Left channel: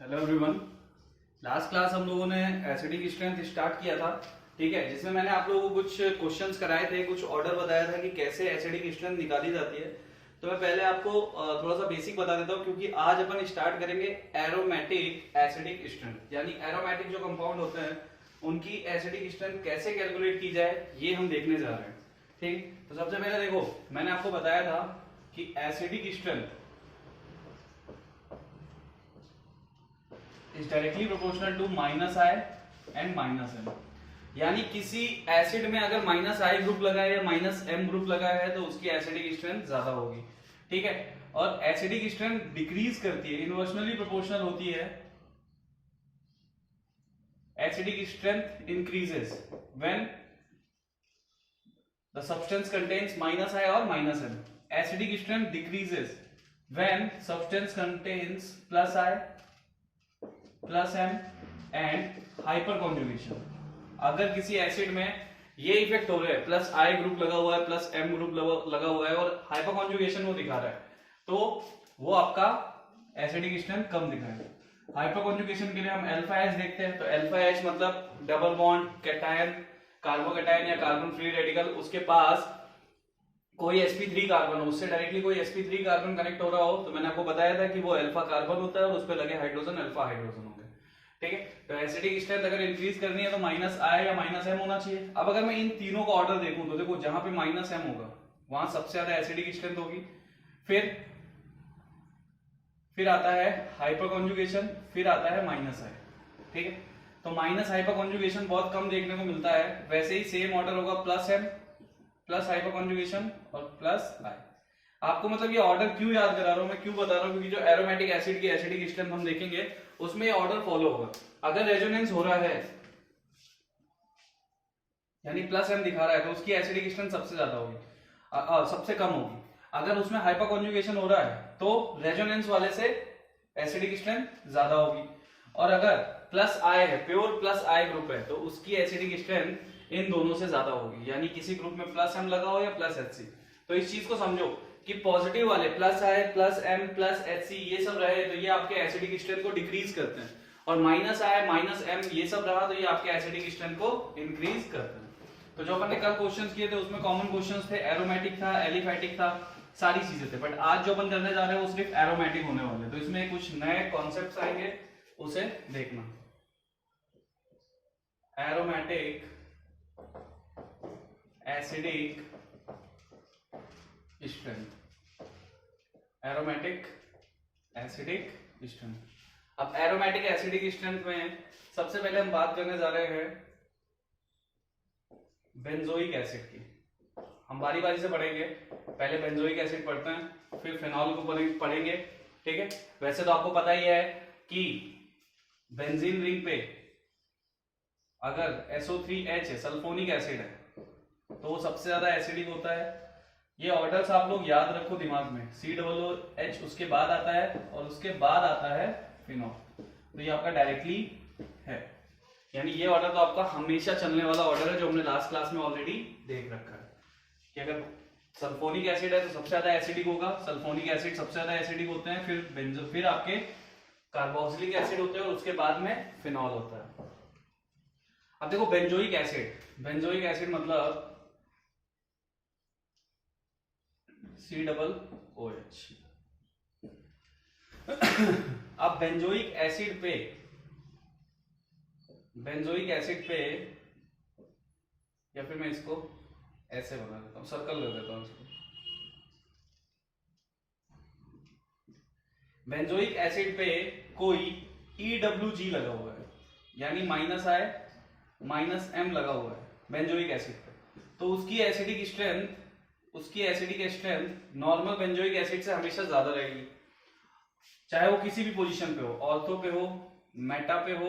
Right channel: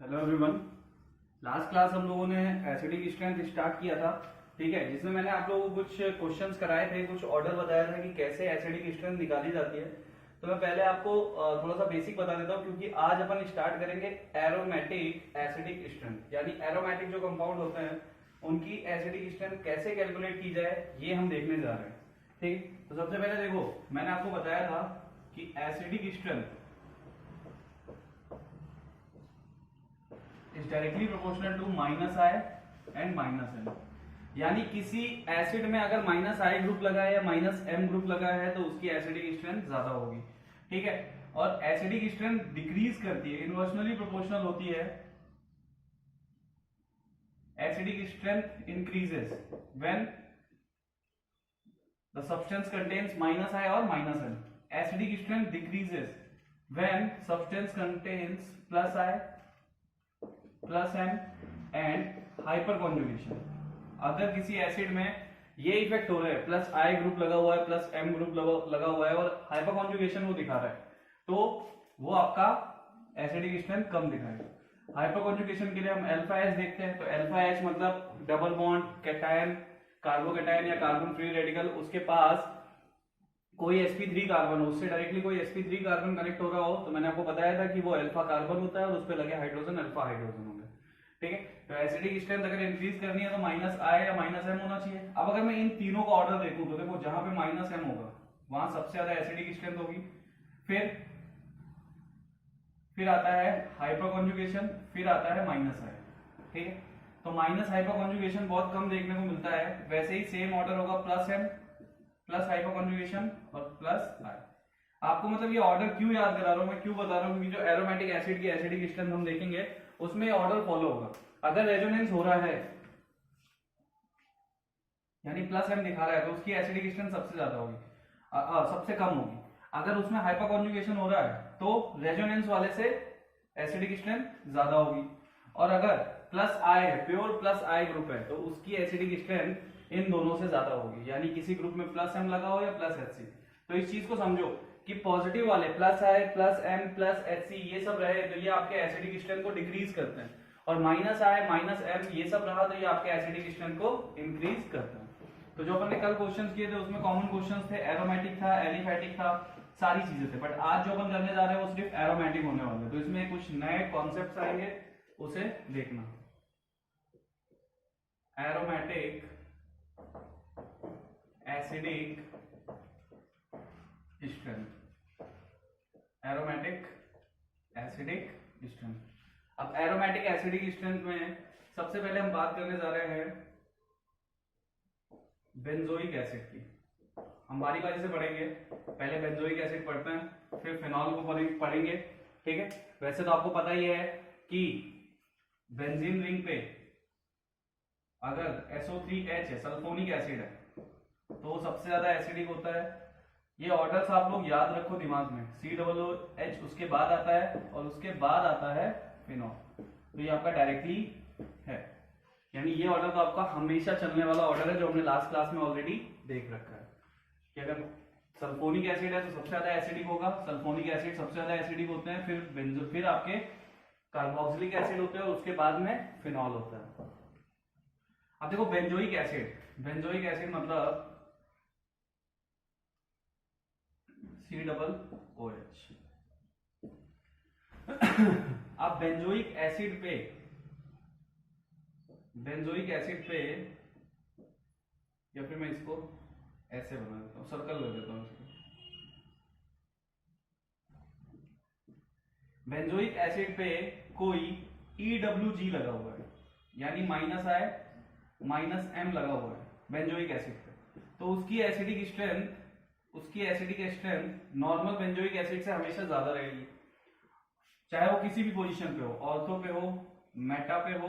Hello everyone. Last class हम लोगों ने एसिडिक स्ट्रेंथ स्टार्ट किया था, ठीक है, जिसमें मैंने आप लोगों को कुछ क्वेश्चंस कराए थे, कुछ ऑर्डर बताया था कि कैसे एसिडिक स्ट्रेंथ निकाली जाती है। तो मैं पहले आपको थोड़ा सा बेसिक बता देता हूँ, क्योंकि आज अपन स्टार्ट करेंगे एरोमेटिक एसिडिक स्ट्रेंथ, यानी एरोमेटिक जो कंपाउंड होते हैं उनकी एसिडिक स्ट्रेंथ कैसे कैलकुलेट की जाए ये हम देखने जा रहे हैं। ठीक, तो सबसे पहले देखो, मैंने आपको बताया था कि acidic strength is directly proportional to minus I and minus M. यानी किसी एसिड में अगर माइनस आई ग्रुप लगा है या माइनस एम ग्रुप लगा है तो उसकी एसिडिक स्ट्रेंथ ज्यादा होगी, ठीक है। और एसिडिक स्ट्रेंथ डिक्रीज करती है, इनवर्सनली प्रोपोर्शनल होती है। Acidic strength increases when the substance contains minus I और minus M. Acidic strength decreases when substance contains plus I plus M and hyperconjugation. अगर किसी एसिड में ये इफेक्ट हो रहा है, प्लस आई ग्रुप लगा हुआ है, प्लस एम ग्रुप लगा हुआ है और हाइपर कॉन्जुगेशन वो दिखा रहा है, तो वो आपका एसिडिक स्ट्रेंथ कम दिखाएगा। हाइपर कॉन्जुगेशन के लिए हम अल्फा एच देखते हैं, तो अल्फा एच मतलब डबल बॉन्ड कैटायन, कार्बोकैटायन या कार्बन फ्री रेडिकल, उसके पास कोई sp3 कार्बन हो, उससे डायरेक्टली कोई sp3 कार्बन कनेक्ट हो रहा हो, तो मैंने आपको बताया था कि वो अल्फा कार्बन होता है और उस पर लगे हाइड्रोजन अल्फा हाइड्रोजन होंगे, ठीक है। तो एसिडिक स्ट्रेंथ अगर इंक्रीज करनी है तो माइनस आई या माइनस एम होना चाहिए। अब अगर मैं इन तीनों का ऑर्डर देखूं तो देखो, जहां पे माइनस एम होगा वहां सबसे ज्यादा एसिडिक स्ट्रेंथ होगी, फिर आता है हाइपर कॉन्जुगेशन, फिर आता है माइनस आई, ठीक है। तो माइनस हाइपर कॉन्जुगेशन बहुत कम देखने को मिलता है। वैसे ही सेम ऑर्डर होगा plus M plus hyperconjugation और प्लस आई। आपको मतलब ये ऑर्डर क्यों याद करा रहा हूं मैं, क्यों बता रहा हूं, क्योंकि जो एरोमेटिक एसिड की एसिडिक स्ट्रेंथ हम देखेंगे उसमें ये ऑर्डर फॉलो होगा। अगर रेजोनेंस हो रहा है यानी प्लस एम दिखा रहा है तो उसकी एसिडिक स्ट्रेंथ सबसे ज्यादा होगी, सबसे कम होगी। अगर उसमें हाइपर कॉन्जुगेशन हो रहा है तो रेजोनेंस वाले से एसिडिक स्ट्रेंथ ज्यादा होगी। और अगर प्लस आई है, प्योर प्लस आई ग्रुप है, तो उसकी एसिडिक स्ट्रेंथ इन दोनों से ज्यादा होगी, यानी किसी ग्रुप में प्लस एम लगा हो या प्लस एच सी। तो इस चीज को समझो कि पॉजिटिव वाले plus I plus M plus H C ये सब रहे तो ये आपके एसिडिक स्ट्रेंथ को डिक्रीज करते हैं, और माइनस आई माइनस एम ये सब रहा तो ये आपके एसिडिक स्ट्रेंथ को इंक्रीज करते हैं। तो जो अपन ने कल क्वेश्चंस किए थे उसमें कॉमन क्वेश्चंस थे, एरोमेटिक था, एलिफैटिक था, सारी चीजें थे। बट आज जो अपन करने जा रहे हैं वो सिर्फ एरोमेटिक होने वाले हैं, तो इसमें कुछ नए कॉन्सेप्ट्स आएंगे, उसे देखना। Aromatic acidic strength, aromatic acidic strength. अब एरोमेटिक एसिडिक स्ट्रेंथ में सबसे पहले हम बात करने जा रहे हैं बेंजोइक एसिड की। हम बारी बारी से पढ़ेंगे, पहले बेंजोइक एसिड पढ़ते हैं, फिर फिनॉल को पढ़ेंगे, ठीक है। वैसे तो आपको पता ही है कि बेंजीन रिंग पे अगर SO3H है, सल्फोनिक एसिड है, तो वो सबसे ज्यादा एसिडिक होता है। ये ऑर्डर्स आप लोग याद रखो दिमाग में, COOH उसके बाद आता है और उसके बाद आता है फिनॉल, तो ये आपका डायरेक्टली है। यानी ये ऑर्डर तो आपका हमेशा चलने वाला ऑर्डर है, जो हमने लास्ट क्लास में ऑलरेडी देख रखा है कि अगर सल्फोनिक एसिड है तो सबसे ज्यादा एसिडिक होगा, सल्फोनिक एसिड सबसे ज्यादा एसिडिक होते हैं, फिर आपके कार्बोक्सिलिक एसिड होते हैं और उसके बाद में फिनॉल होता है। अब देखो बेंजोइक एसिड, बेंजोइक एसिड मतलब COOH। अब बेंजोइक एसिड पे या फिर मैं इसको ऐसे बना देता हूं, सर्कल कर देता हूं इसको। बेंजोइक एसिड पे कोई EWG लगा हुआ है, यानी माइनस आई माइनस एम लगा हुआ है बेंजोइक एसिड पे, तो उसकी acidic strength normal benzoic acid से हमेशा ज्यादा रहेगी, चाहे वो किसी भी पोजीशन पे हो, ऑर्थो पे हो, मेटा पे हो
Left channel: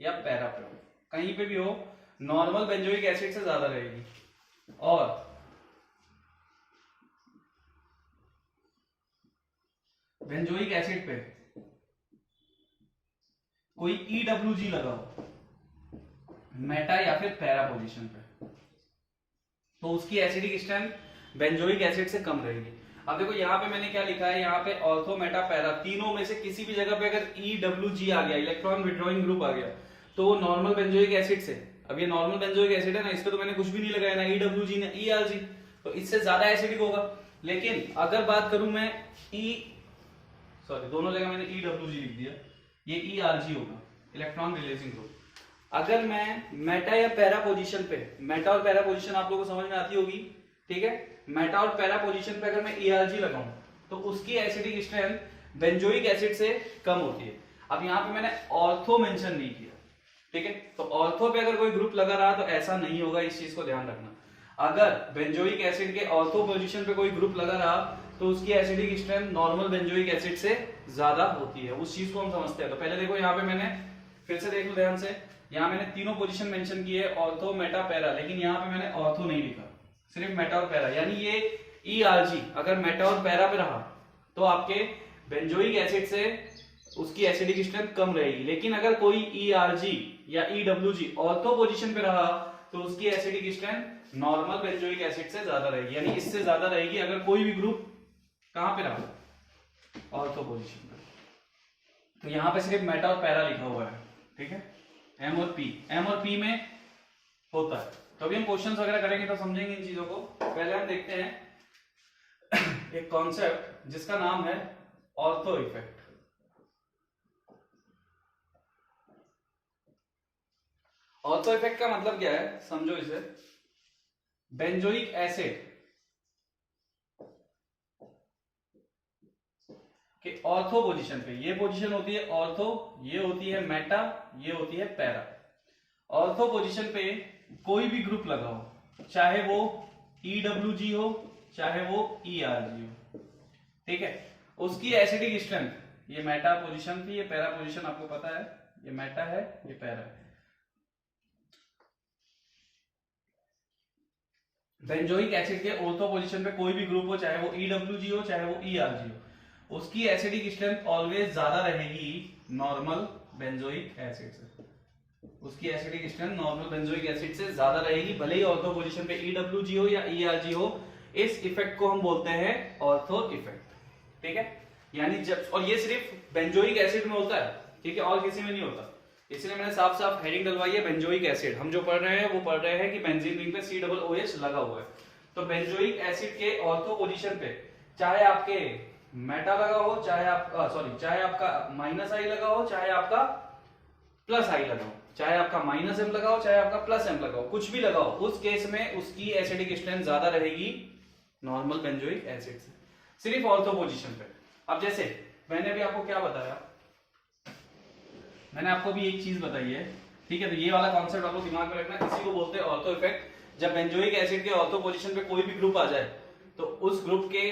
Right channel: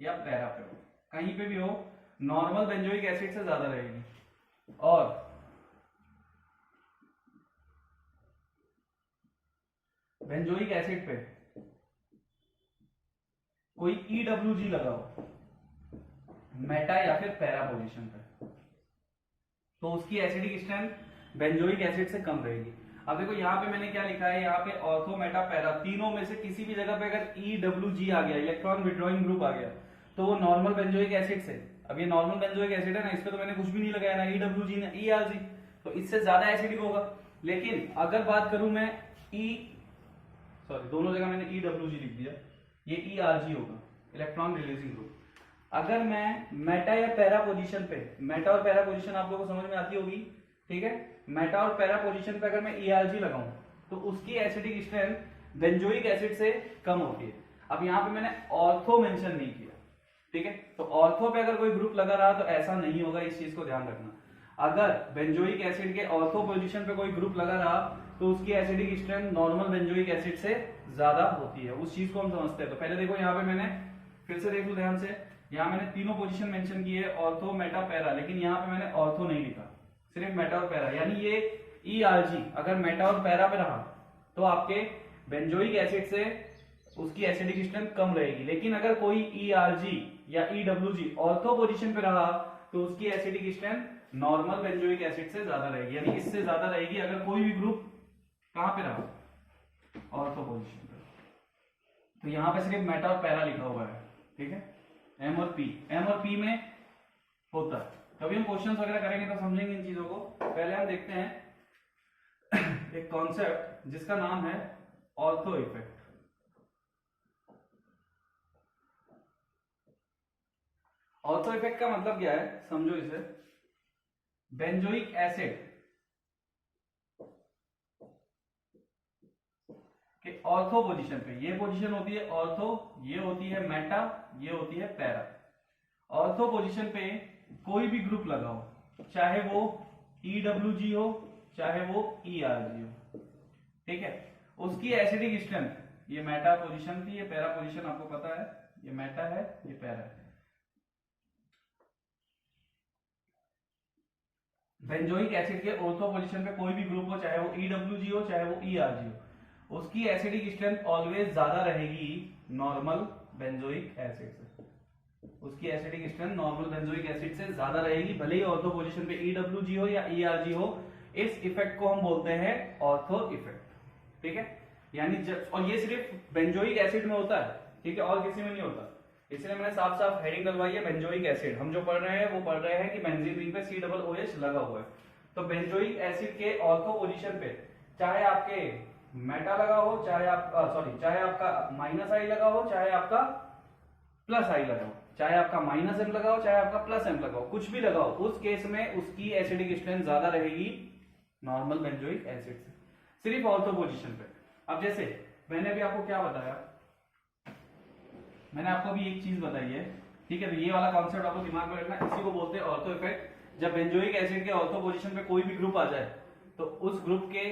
या पैरा पे हो, कहीं पे भी हो, नॉर्मल बेंजोइक एसिड से ज्यादा रहेगी। और बेंजोइक एसिड पे कोई EWG लगा हो मेटा या फिर पैरा पोजीशन पे, तो उसकी एसिडिक स्ट्रेंथ बेंजोइक एसिड से कम रहेगी। अब देखो यहाँ पे मैंने क्या लिखा है, यहाँ पे ऑर्थो मेटा पैरा तीनों में से किसी भी जगह पे अगर EWG आ गया, इलेक्ट्रॉन विड्रॉइंग ग्रुप आ गया, तो वो नॉर्मल बेंजोइक एसिड से, अब ये नॉर्मल बेंजोइक एसिड है ना, इस पे तो मैंने कुछ भी नहीं लगाया ना EWG ना ERG, तो इससे ज्यादा एसिडिक होगा। लेकिन अगर बात करूं मैं दोनों जगह मैंने EWG लिख दिया, ये ERG होगा, इलेक्ट्रॉन रिलीजिंग ग्रुप। अगर मैं मेटा या पैरा पोजीशन पे, मेटा और पैरा पोजीशन आप लोगों को समझ में आती होगी, ठीक है, मेटा और पैरा पोजीशन पे अगर मैं ERG लगाऊं तो उसकी एसिडिक स्ट्रेंथ बेंजोइक एसिड से कम होती है। अब यहाँ पे मैंने ऑर्थो मेंशन नहीं किया, ठीक है, तो ऑर्थो पे अगर कोई ग्रुप लगा रहा तो ऐसा नहीं होगा, इस चीज को ध्यान रखना। अगर बेंजोइक एसिड के ऑर्थो पोजीशन पे कोई ग्रुप लगा रहा तो उसकी acidic strength normal benzoic acid से ज्यादा होती है, उस चीज को हम समझते हैं। तो पहले देखो यहाँ पे मैंने फिर से देख लो ध्यान से, यहाँ मैंने तीनों पोजीशन मेंशन की है, ऑर्थो मेटा पैरा, लेकिन यहाँ पे मैंने ऑर्थो नहीं लिखा, सिर्फ मेटा और पैरा, यानी ये ERG अगर मेटा और पैरा पे रहा तो आपके बेंजोइक एसिड से उसकी एसिडिक स्ट्रेंथ कम रहेगी। लेकिन अगर कोई ERG या EWG ऑर्थो पोजीशन पे रहा तो उसकी acidic strength normal benzoic acid से ज्यादा रहेगी, यानी इससे ज्यादा रहेगी अगर कोई भी ग्रुप कहां पे रहा, ऑर्थो पोजीशन पे। तो यहां पे सिर्फ मेटा और पैरा लिखा हुआ है, ठीक है, M और P में होता है। तो अभी हम क्वेश्चंस वगैरह करेंगे तो समझेंगे इन चीजों को। पहले हम देखते हैं एक कॉन्सेप्ट जिसका नाम है ऑर्थो इफेक्ट। ऑर्थो इफेक्ट का मतलब क्या है, समझो इसे। बेंजोइक एसिड के ऑर्थो पोजीशन पे, ये पोजीशन होती है ऑर्थो, ये होती है मेटा, ये होती है पैरा। ऑर्थो पोजीशन पे कोई भी ग्रुप लगाओ, चाहे वो EWG हो चाहे वो ERG हो, ठीक है, उसकी एसिडिक स्ट्रेंथ, ये मेटा पोजीशन थी, ये पैरा पोजीशन आपको पता है, ये मेटा है ये पैरा है। बेंजोइक एसिड के ऑर्थो पोजीशन पे कोई भी ग्रुप हो, चाहे वो EWG हो चाहे वो ERG हो, उसकी एसिडिक स्ट्रेंथ ऑलवेज ज्यादा रहेगी नॉर्मल बेंजोइक एसिड से, उसकी acidic strength normal benzoic acid से ज्यादा रहेगी, भले ही ऑर्थो पोजीशन पे EWG हो या ERG हो। इस इफेक्ट को हम बोलते हैं ऑर्थो इफेक्ट, ठीक है, यानी जब, और ये सिर्फ बेंजोइक एसिड में होता है, ठीक है, और किसी में नहीं होता, इसलिए मैंने साफ साफ हेडिंग डलवाई है बेंजोइक एसिड। हम जो पढ़ रहे हैं वो पढ़ रहे हैं कि बेंजीन रिंग पे COOH लगा हुआ है। तो बेंजोइक एसिड के ऑर्थो पोजीशन पे चाहे आपके मेटा लगा हो, चाहे आपका चाहे आपका -I लगा हो, चाहे आपका +I लगा हो, चाहे आपका -M लगा हो, चाहे आपका +M लगा हो, कुछ भी लगा हो, उस केस में उसकी एसिडिक स्ट्रेंथ ज्यादा रहेगी नॉर्मल बेंजोइक एसिड से, सिर्फ ऑर्थो पोजीशन पे। अब जैसे मैंने अभी आपको क्या बताया, मैंने आपको भी एक चीज बताई है, ठीक है, तो ये वाला कॉन्सेप्ट आपको दिमाग में रखना, इसी को बोलते हैं ऑर्थो इफेक्ट। जब बेंजोइक एसिड के ऑर्थो पोजीशन पे कोई भी ग्रुप आ जाए तो उस ग्रुप के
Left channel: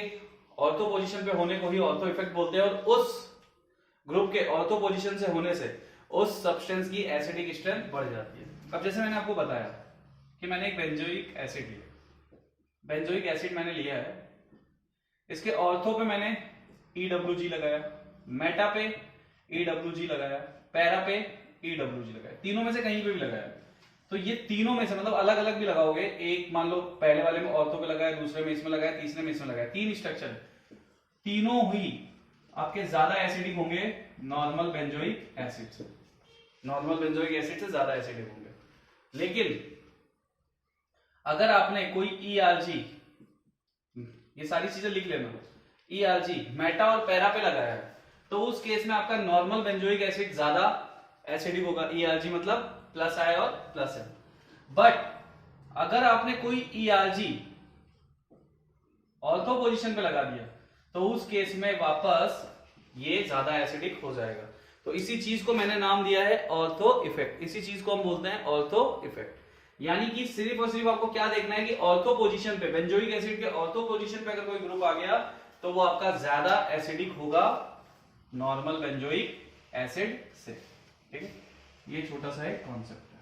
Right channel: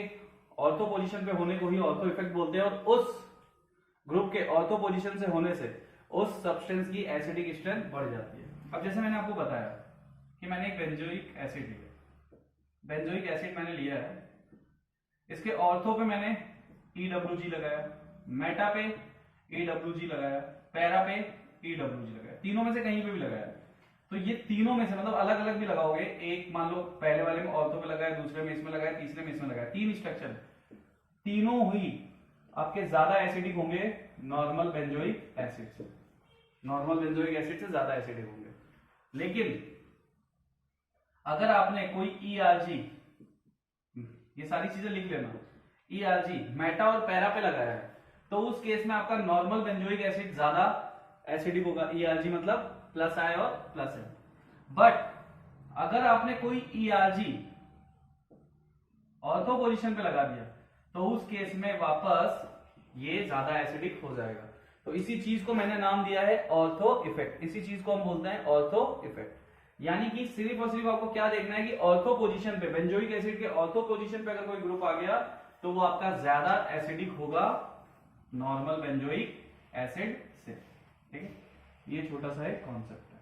ऑर्थो पोजीशन पे होने को ही ऑर्थो इफेक्ट बोलते हैं, और उस ग्रुप के ऑर्थो पोजीशन से होने से उस सब्सटेंस की एसिडिक स्ट्रेंथ बढ़ जाती है। अब जैसे मैंने आपको बताया कि मैंने एक बेंजोइक एसिड लिया, बेंजोइक एसिड मैंने लिया है, इसके ऑर्थो पे मैंने EWG लगाया, मेटा पे EWG लगाया, पैरा पे EWG लगाया, तीनों में से कहीं पे भी लगाया, तो ये तीनों में से मतलब अलग अलग भी लगाओगे, एक मान लो पहले वाले में ऑर्थो पे लगाया, दूसरे में इसमें लगाया, तीसरे में इसमें लगाया, 3 स्ट्रक्चर, तीनों ही आपके ज्यादा एसिडिक होंगे नॉर्मल बेंजोइक एसिड से, नॉर्मल बेंजोइक एसिड से ज्यादा एसिडिक होंगे। लेकिन अगर आपने कोई ERG, ये सारी चीजें लिख लेना, ERG मेटा और पैरा पे लगाया है तो उस केस में आपका नॉर्मल बेंजोइक एसिड ज्यादा एसिडिक होगा, ERG मतलब +I और +M। बट अगर आपने कोई ERG ऑर्थो पोजीशन पे लगा दिया तो उस केस में वापस ये ज्यादा एसिडिक हो जाएगा। तो इसी चीज को मैंने नाम दिया है ऑर्थो इफेक्ट, इसी चीज को हम बोलते हैं ऑर्थो इफेक्ट। यानी कि सिर्फ और सिर्फ आपको क्या देखना है कि ऑर्थो पोजीशन पे, बेंजोइक एसिड के ऑर्थो पोजीशन पे अगर कोई ग्रुप आ गया तो वो आपका ज्यादा एसिडिक होगा नॉर्मल बेंजोइक एसिड से, ठीक है, ये छोटा सा एक कॉन्सेप्ट है।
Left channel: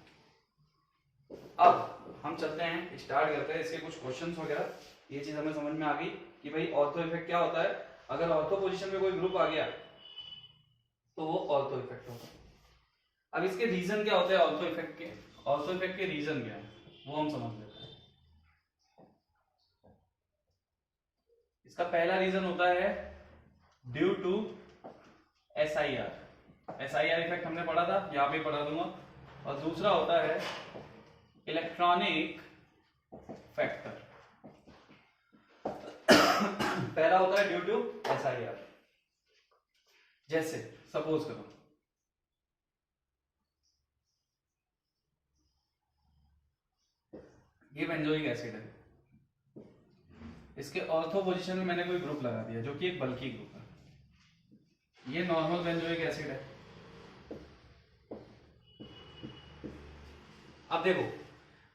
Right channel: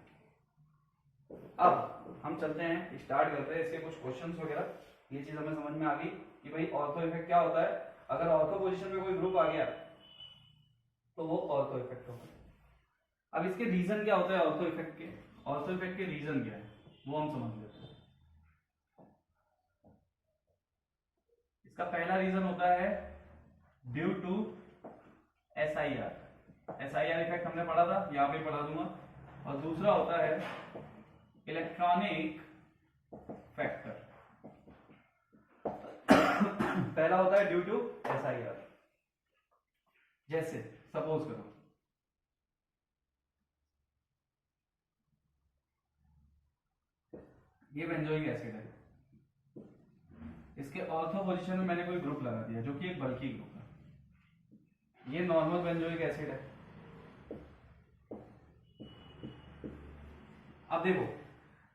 अब हम चलते हैं, स्टार्ट करते हैं इसके कुछ क्वेश्चंस वगैरह। ये चीज हमें समझ में आ गई कि भाई ऑर्थो इफेक्ट क्या होता है, अगर ऑर्थो पोजीशन पे कोई ग्रुप आ गया तो वो ऑर्थो इफेक्ट होगा। अब इसके रीजन क्या होते हैं ऑर्थो इफेक्ट के, ऑर्थो इफेक्ट के रीजन क्या है वो हम समझ लेते हैं। इसका पहला रीजन होता है due to SIR, SIR effect हमने पढ़ा था, यहां पे पढ़ा दूंगा। और दूसरा होता है इलेक्ट्रॉनिक फैक्टर। पहला होता है ड्यू टू SIR। जैसे सपोज करो ये बेंजोइक एसिड है, इसके ऑर्थो पोजीशन में मैंने कोई ग्रुप लगा दिया जो कि एक बल्की ग्रुप है। ये नॉर्मल बेंजोइक एसिड है। अब देखो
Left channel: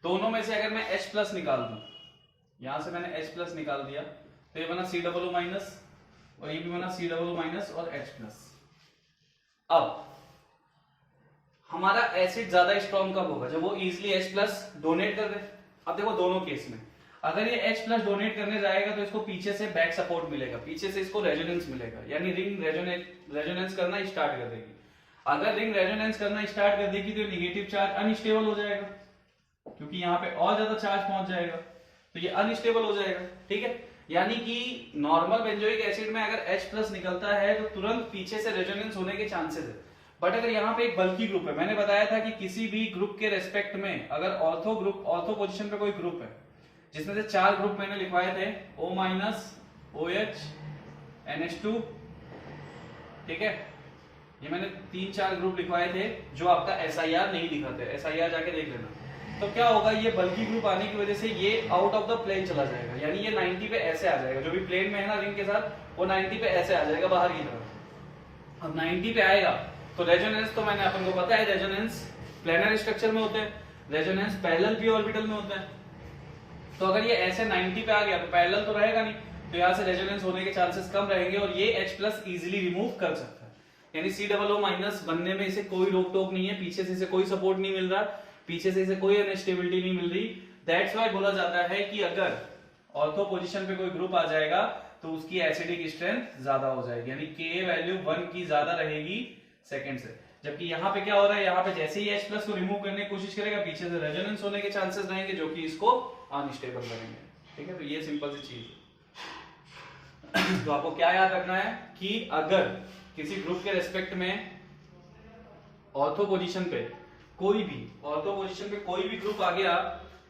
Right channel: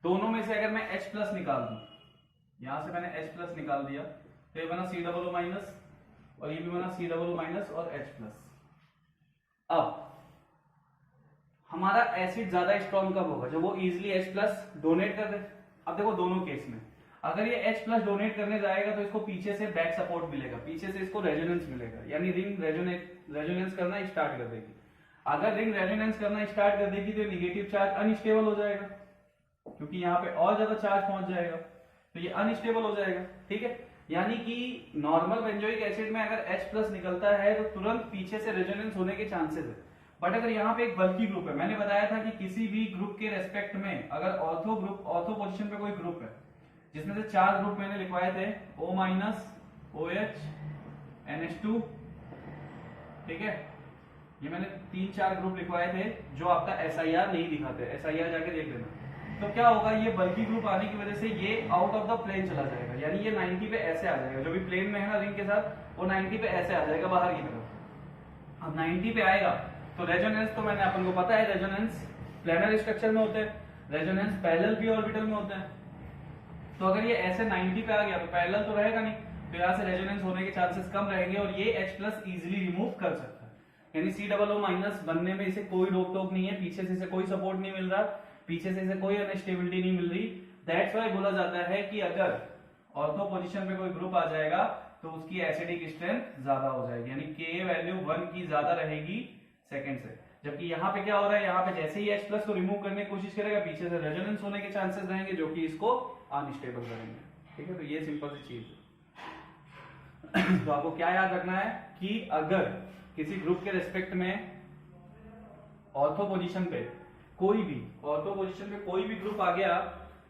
दोनों में से अगर मैं H प्लस निकाल दूं, यहां से मैंने H प्लस निकाल दिया तो ये बना COO माइनस और ये भी बना COO माइनस और H प्लस। अब हमारा एसिड ज्यादा स्ट्रॉन्ग कब होगा? जब वो इजिली H प्लस डोनेट कर दे। अब देखो दोनों केस में अगर ये H प्लस डोनेट करने जाएगा तो इसको पीछे से बैक सपोर्ट मिलेगा, पीछे से इसको रेजोनेंस मिलेगा, यानी रिंग रेजोनेंस करना स्टार्ट कर देगी। अगर रिंग रेजोनेंस करना स्टार्ट कर देगी तो नेगेटिव चार्ज अनस्टेबल हो जाएगा, क्योंकि यहाँ पे और ज्यादा चार्ज पहुंच जाएगा, तो ये अनस्टेबल हो जाएगा। ठीक है, यानी कि नॉर्मल बेंजोइक एसिड में अगर H प्लस निकलता है तो तुरंत पीछे से रेजोनेंस होने के चांसेस है। बट अगर यहाँ पे एक बल्की ग्रुप है, मैंने बताया था कि किसी भी ग्रुप के रेस्पेक्ट में अगर ऑर्थो पोजीशन पे कोई ग्रुप है जिसमें से 4 ग्रुप मैंने लिखवाए थे O माइनस, OH, NH2, ठीक है, ये मैंने 3-4 ग्रुप लिखवाए थे जो आपका SIR नहीं दिखाते, SIR जाके देख लेना। तो क्या होगा, ये बल्की ग्रुप आने की वजह से ये आउट ऑफ द प्लेन चला जाएगा, यानी ये 90 पे ऐसे आ जाएगा, जो भी प्लेन में है ना रिंग के साथ वो 90 पे ऐसे आ जाएगा बाहर की तरफ। अब 90 पे आएगा तो रेजोनेंस तो मैंने अपन को पता है, रेजोनेंस प्लेनर स्ट्रक्चर में होते हैं, रेजोनेंस पैरेलल p ऑर्बिटल में होते हैं। तो अगर ये ऐसे 90 पे आ गया तो पैरेलल तो रहेगा नहीं, तो यहाँ से रेजोनेंस होने के चांसेस कम रहेंगे और ये H प्लस इजिली रिमूव कर सकता है, यानी COO माइनस बनने में इसे कोई रोक टोक नहीं है, पीछे से इसे कोई सपोर्ट नहीं मिल रहा, पीछे से इसे कोई अनस्टेबिलिटी नहीं मिल रही। दैट्स व्हाई बोला जाता है कि अगर ऑर्थो पोजीशन पे कोई ग्रुप आ जाएगा तो उसकी एसिडिक स्ट्रेंथ ज्यादा हो जाएगी, यानी Ka वैल्यू 1 की ज्यादा रहेगी सेकंड से। जबकि यहाँ पे क्या हो रहा है, यहाँ पे जैसे ही H प्लस को रिमूव करने की कोशिश करेगा पीछे से रेजोनेंस होने के चांसेस रहेंगे जो कि इसको अनस्टेबल करेंगे। ठीक है, तो ये सिंपल सी चीज है। तो आपको क्या याद रखना है कि अगर किसी ग्रुप के रेस्पेक्ट में ऑर्थो पोजीशन पे कोई भी ग्रुप आ गया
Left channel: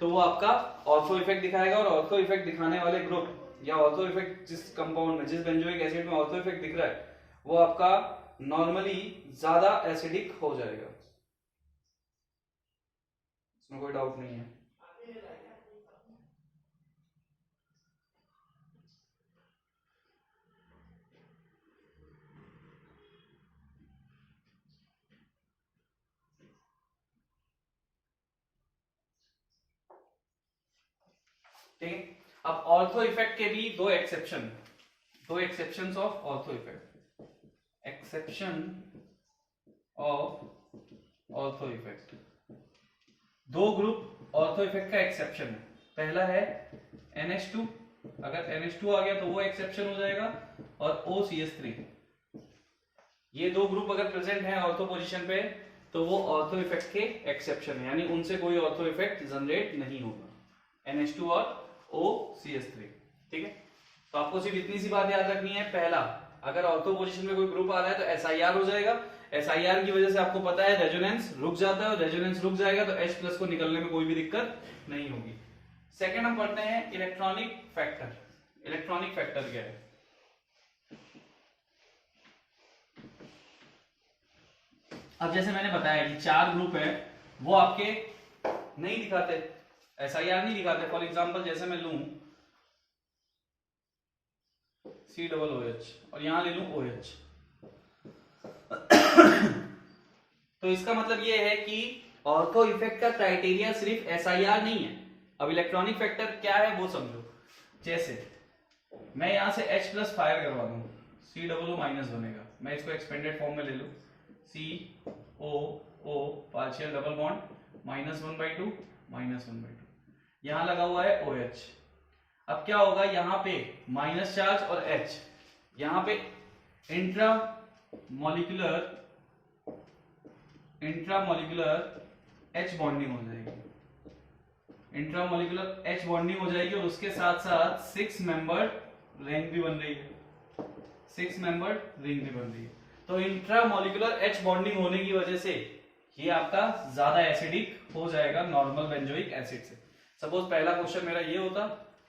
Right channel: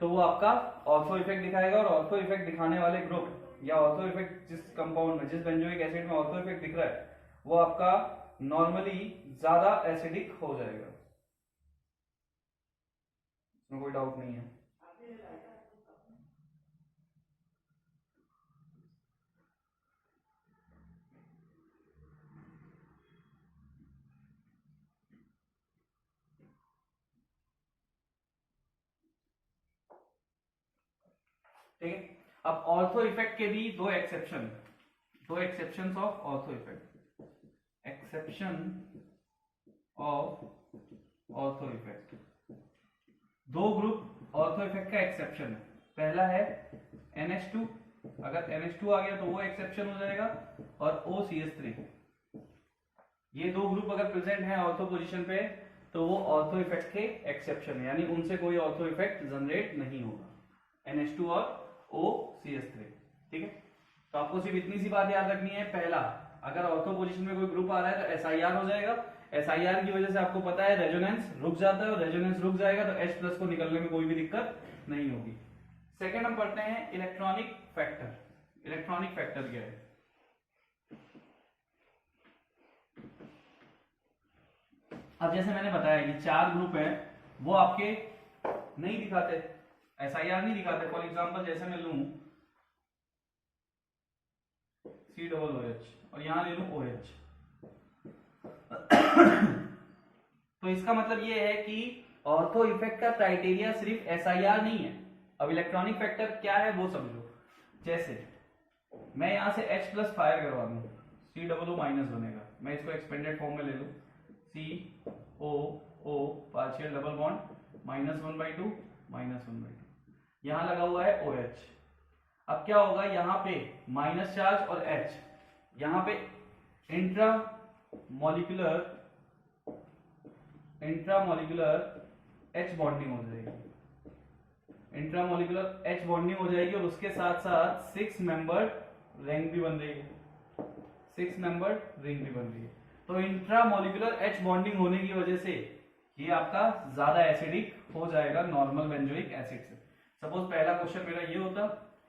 तो वो आपका ऑर्थो इफेक्ट दिखाएगा, और ऑर्थो इफेक्ट दिखाने वाले ग्रुप या ऑर्थो इफेक्ट जिस कंपाउंड में, जिस बेंजोइक एसिड में ऑर्थो इफेक्ट दिख रहा है वो आपका नॉर्मली ज्यादा एसिडिक हो जाएगा, इसमें कोई डाउट नहीं है। ठीक है, अब ऑर्थो इफेक्ट के भी दो exceptions of ortho effect, exception of ortho effect. दो ग्रुप ऑर्थो इफेक्ट का एक्सेप्शन है, पहला है NH2, अगर NH2 आ गया तो वो एक्सेप्शन हो जाएगा, और OCH3, ये दो ग्रुप अगर प्रेजेंट है ऑर्थो पोजीशन पे तो वो ऑर्थो इफेक्ट के एक्सेप्शन है, यानी उनसे कोई ऑर्थो इफेक्ट जनरेट नहीं होगा, NH2 और OCH3। ठीक है, तो आपको सिर्फ इतनी सी बात याद रखनी है, पहला अगर ऑर्थो पोजीशन में कोई ग्रुप आ रहा है तो SIR हो जाएगा, SIR की वजह से आपको पता है रेजोनेंस रुक जाता है, और रेजोनेंस रुक जाएगा तो H प्लस को निकलने में कोई भी दिक्कत नहीं होगी। सेकेंड हम पढ़ते हैं इलेक्ट्रॉनिक फैक्टर। इलेक्ट्रॉनिक फैक्टर क्या है? अब जैसे मैंने बताया कि 4 ग्रुप है वो आपके नहीं दिखाते, SIR नहीं दिखाते। फॉर एग्जांपल जैसे मैं लूं COOH और यहां ले लूं OH, तो इसका मतलब ये है कि ऑर्थो इफेक्ट का क्राइटेरिया सिर्फ SIR नहीं है। अब इलेक्ट्रॉनिक फैक्टर क्या है वो समझो। जैसे मैं यहां से H प्लस फायर करवा दूं, COO माइनस बनेगा, मैं इसको एक्सपेंडेड फॉर्म में ले लूं, COO पार्शियल डबल बॉन्ड -1/2 -1/2, यहां लगा हुआ है OH। अब क्या होगा, यहां पे माइनस चार्ज और H, यहां पे इंट्रा मॉलिक्यूलर H बॉन्डिंग हो जाएगी, इंट्रामोलिकुलर H बॉन्डिंग हो जाएगी, और उसके साथ साथ 6 मेंबर्ड रिंग भी बन रही है, 6 मेंबर्ड रिंग भी बन रही है। तो इंट्रामोलिकुलर H बॉन्डिंग होने की वजह से ये आपका ज्यादा एसिडिक हो जाएगा नॉर्मल बेंजोइक एसिड से। सपोज पहला क्वेश्चन मेरा ये होता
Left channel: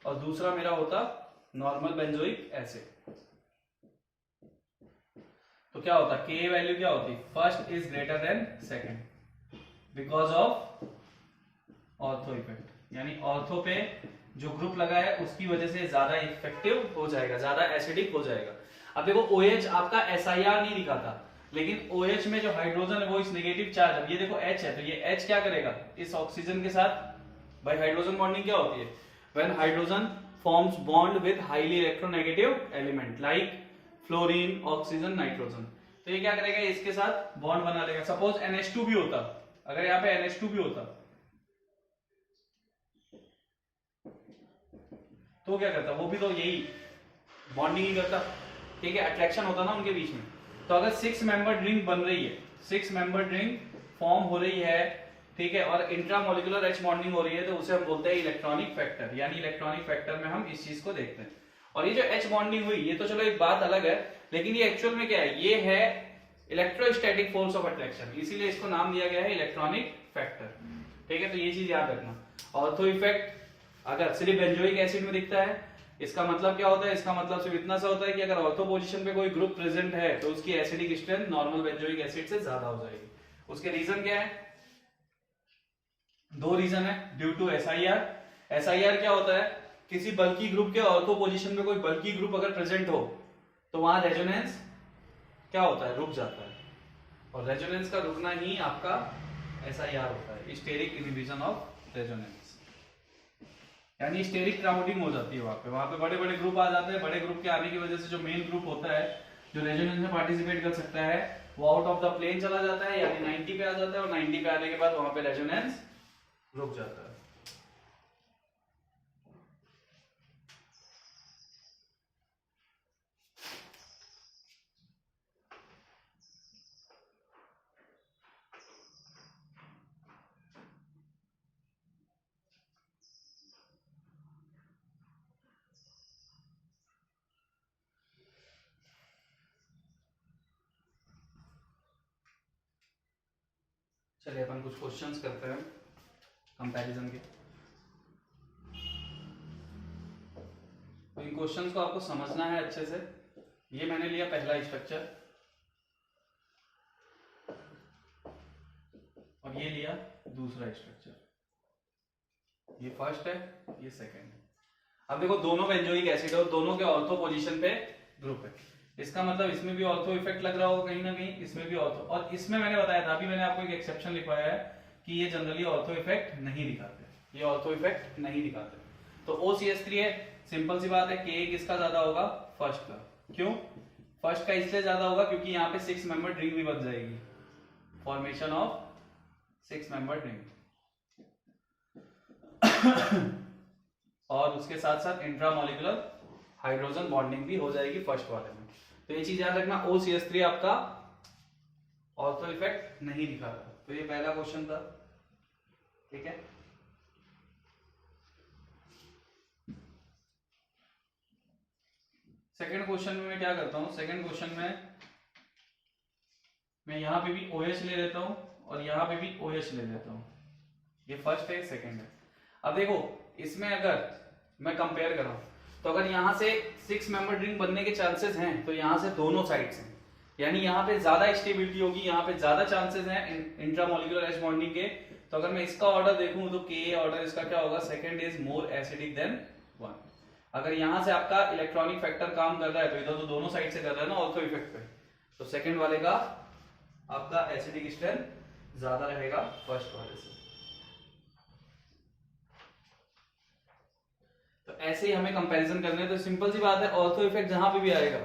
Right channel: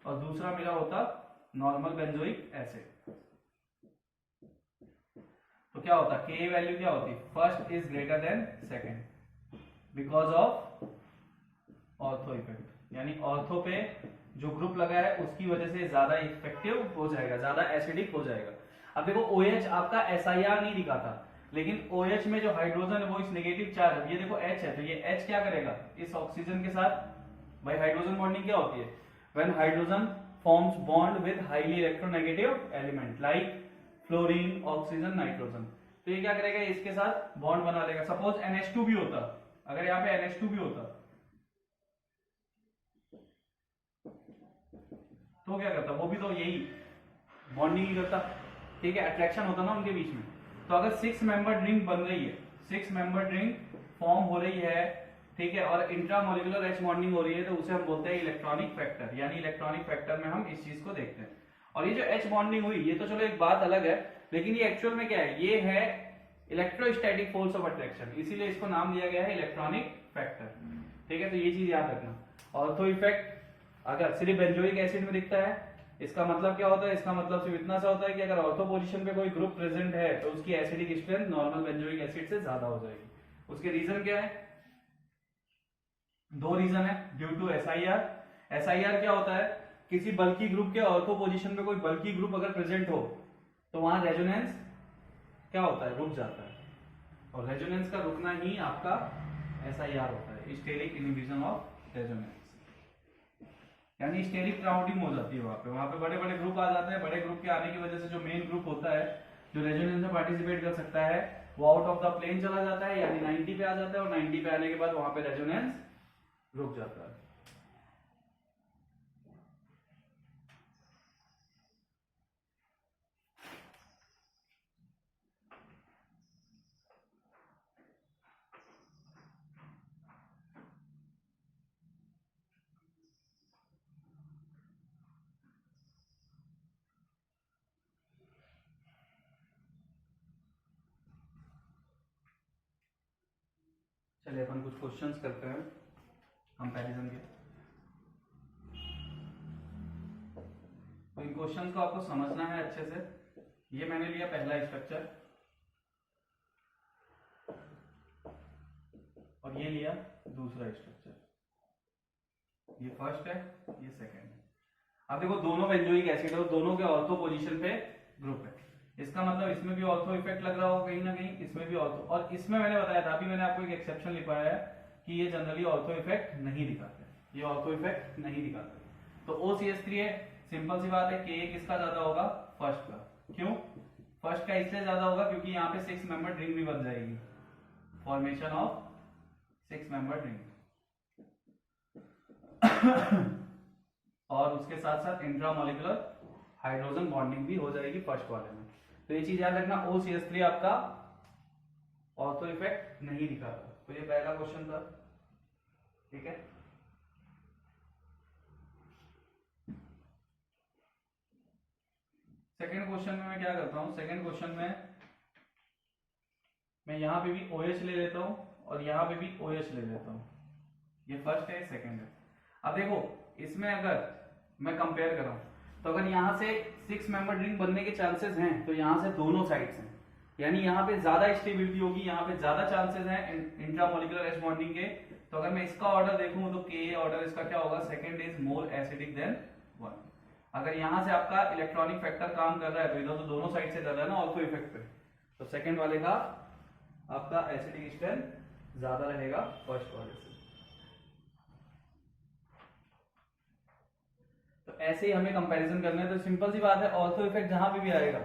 और दूसरा मेरा होता नॉर्मल बेंजोइक एसिड, तो क्या होता, के वैल्यू क्या होती, first is greater than second because of ortho effect, यानी ऑर्थो पे जो ग्रुप लगा है उसकी वजह से ज्यादा इफेक्टिव हो जाएगा, ज्यादा एसिडिक हो जाएगा। अब देखो OH आपका SIR नहीं दिखाता, लेकिन OH में जो हाइड्रोजन है वो इस नेगेटिव चार्ज है, ये देखो H है, तो ये H क्या करेगा इस ऑक्सीजन के साथ, भाई हाइड्रोजन बॉन्डिंग क्या होती है, when hydrogen forms bond with highly electronegative element like fluorine, oxygen, nitrogen, तो ये क्या करेगा इसके साथ बॉन्ड बना लेगा। सपोज NH2 भी होता, अगर यहाँ पे NH2 भी होता तो क्या करता, वो भी तो यही बॉन्डिंग ही करता, ठीक है, अट्रैक्शन होता ना उनके बीच में। तो अगर 6 मेंबर रिंग बन रही है, 6 मेंबर रिंग फॉर्म हो रही है, ठीक है, और इंट्रामोलिकुलर H बॉन्डिंग हो रही है, तो उसे हम बोलते हैं इलेक्ट्रॉनिक फैक्टर, यानी इलेक्ट्रॉनिक फैक्टर में हम इस चीज को देखते हैं। और ये जो H बॉन्डिंग हुई ये तो चलो एक बात अलग है, लेकिन ये एक्चुअल में क्या है, ये है इलेक्ट्रोस्टैटिक फोर्स ऑफ अट्रैक्शन, इसीलिए इसको नाम दिया गया है इलेक्ट्रॉनिक फैक्टर, ठीक है। तो ये चीज याद रखना। ऑर्थो इफेक्ट अगर सिर्फ बेंजोइक एसिड में दिखता है, इसका मतलब क्या होता है, इसका मतलब सिर्फ इतना सा होता है कि अगर ऑर्थो पोजीशन पे कोई ग्रुप प्रेजेंट है तो उसकी acidic strength normal benzoic acid से ज्यादा हो जाएगी। उसके रीजन क्या है, दो रीजन है, ड्यू टू SIR। SIR क्या होता है, किसी बल्की ग्रुप के ऑर्थो पोजीशन में कोई बल्की ग्रुप अगर प्रेजेंट हो तो वहां रेजोनेंस क्या होता है, रुक जाता है, और रेजोनेंस का रुकना ही आपका SIR होता है, स्टेरिक इनहिबिशन ऑफ रेजोनेंस, यानी स्टेरिक क्राउडिंग हो जाती है वहां पे बड़े बड़े ग्रुप आ जाते हैं। बड़े ग्रुप के आने की वजह से जो मेन ग्रुप होता है जो रेजोनेंस में पार्टिसिपेट कर सकता है वो आउट ऑफ द प्लेन चला जाता है, यानी 90 पे आ जाता है, और 90 पे आने के बाद वहां पे रेजोनेंस रुक जाता है। चलिए अपन कुछ क्वेश्चंस करते हैं कंपैरिजन के। तो इन क्वेश्चंस को आपको समझना है अच्छे से। ये मैंने लिया पहला स्ट्रक्चर और ये लिया दूसरा स्ट्रक्चर, ये फर्स्ट है ये सेकंड है। अब देखो दोनों बेंजोइक एसिड है और दोनों के ऑर्थो पोजीशन पे ग्रुप है, इसका मतलब इसमें भी ऑर्थो इफेक्ट लग रहा होगा कहीं ना कहीं, इसमें भी ऑर्थो, और इसमें मैंने बताया था, अभी मैंने आपको एक एक्सेप्शन लिखवाया है कि ये जनरली ऑर्थो इफेक्ट नहीं दिखाते, ये ऑर्थो इफेक्ट नहीं दिखाते। तो OCH3 है, सिंपल सी बात है, Ka किसका ज्यादा होगा, फर्स्ट का। क्यों फर्स्ट का इसलिए ज्यादा होगा क्योंकि यहाँ पे 6 मेंबर रिंग भी बन जाएगी, फॉर्मेशन ऑफ 6 मेंबर रिंग और उसके साथ साथ इंट्रामोलिकुलर हाइड्रोजन बॉन्डिंग भी हो जाएगी फर्स्ट वाले में। तो ये चीज याद रखना, OCH3 आपका ऑर्थो इफेक्ट नहीं दिखा रहा। तो ये पहला क्वेश्चन था, ठीक है। सेकंड क्वेश्चन में मैं क्या करता हूं, सेकंड क्वेश्चन में मैं यहां पे भी OH ले लेता हूं और यहां पे भी OH ले लेता हूं, ये फर्स्ट है सेकंड है। अब देखो इसमें अगर मैं कंपेयर करूं तो अगर यहां से 6 मेंबर रिंग बनने के चांसेस हैं तो यहां से दोनों साइड्स हैं, यानी यहां पे ज्यादा स्टेबिलिटी होगी, यहां पे ज्यादा चांसेस हैं इंट्रामोलिकुलर H बॉन्डिंग के। तो अगर मैं इसका ऑर्डर देखूं तो Ka ऑर्डर इसका क्या होगा, second is more acidic then one. अगर यहां से आपका इलेक्ट्रॉनिक फैक्टर काम कर रहा है तो इधर तो दोनों साइड से कर रहा है ना ऑर्थो इफेक्ट पे, तो सेकंड वाले का आपका एसिडिक स्ट्रेंथ ज्यादा रहेगा फर्स्ट वाले से। तो ऐसे ही हमें कंपैरिजन करने हैं। तो सिंपल सी बात है, ऑर्थो इफेक्ट जहां पे भी आएगा,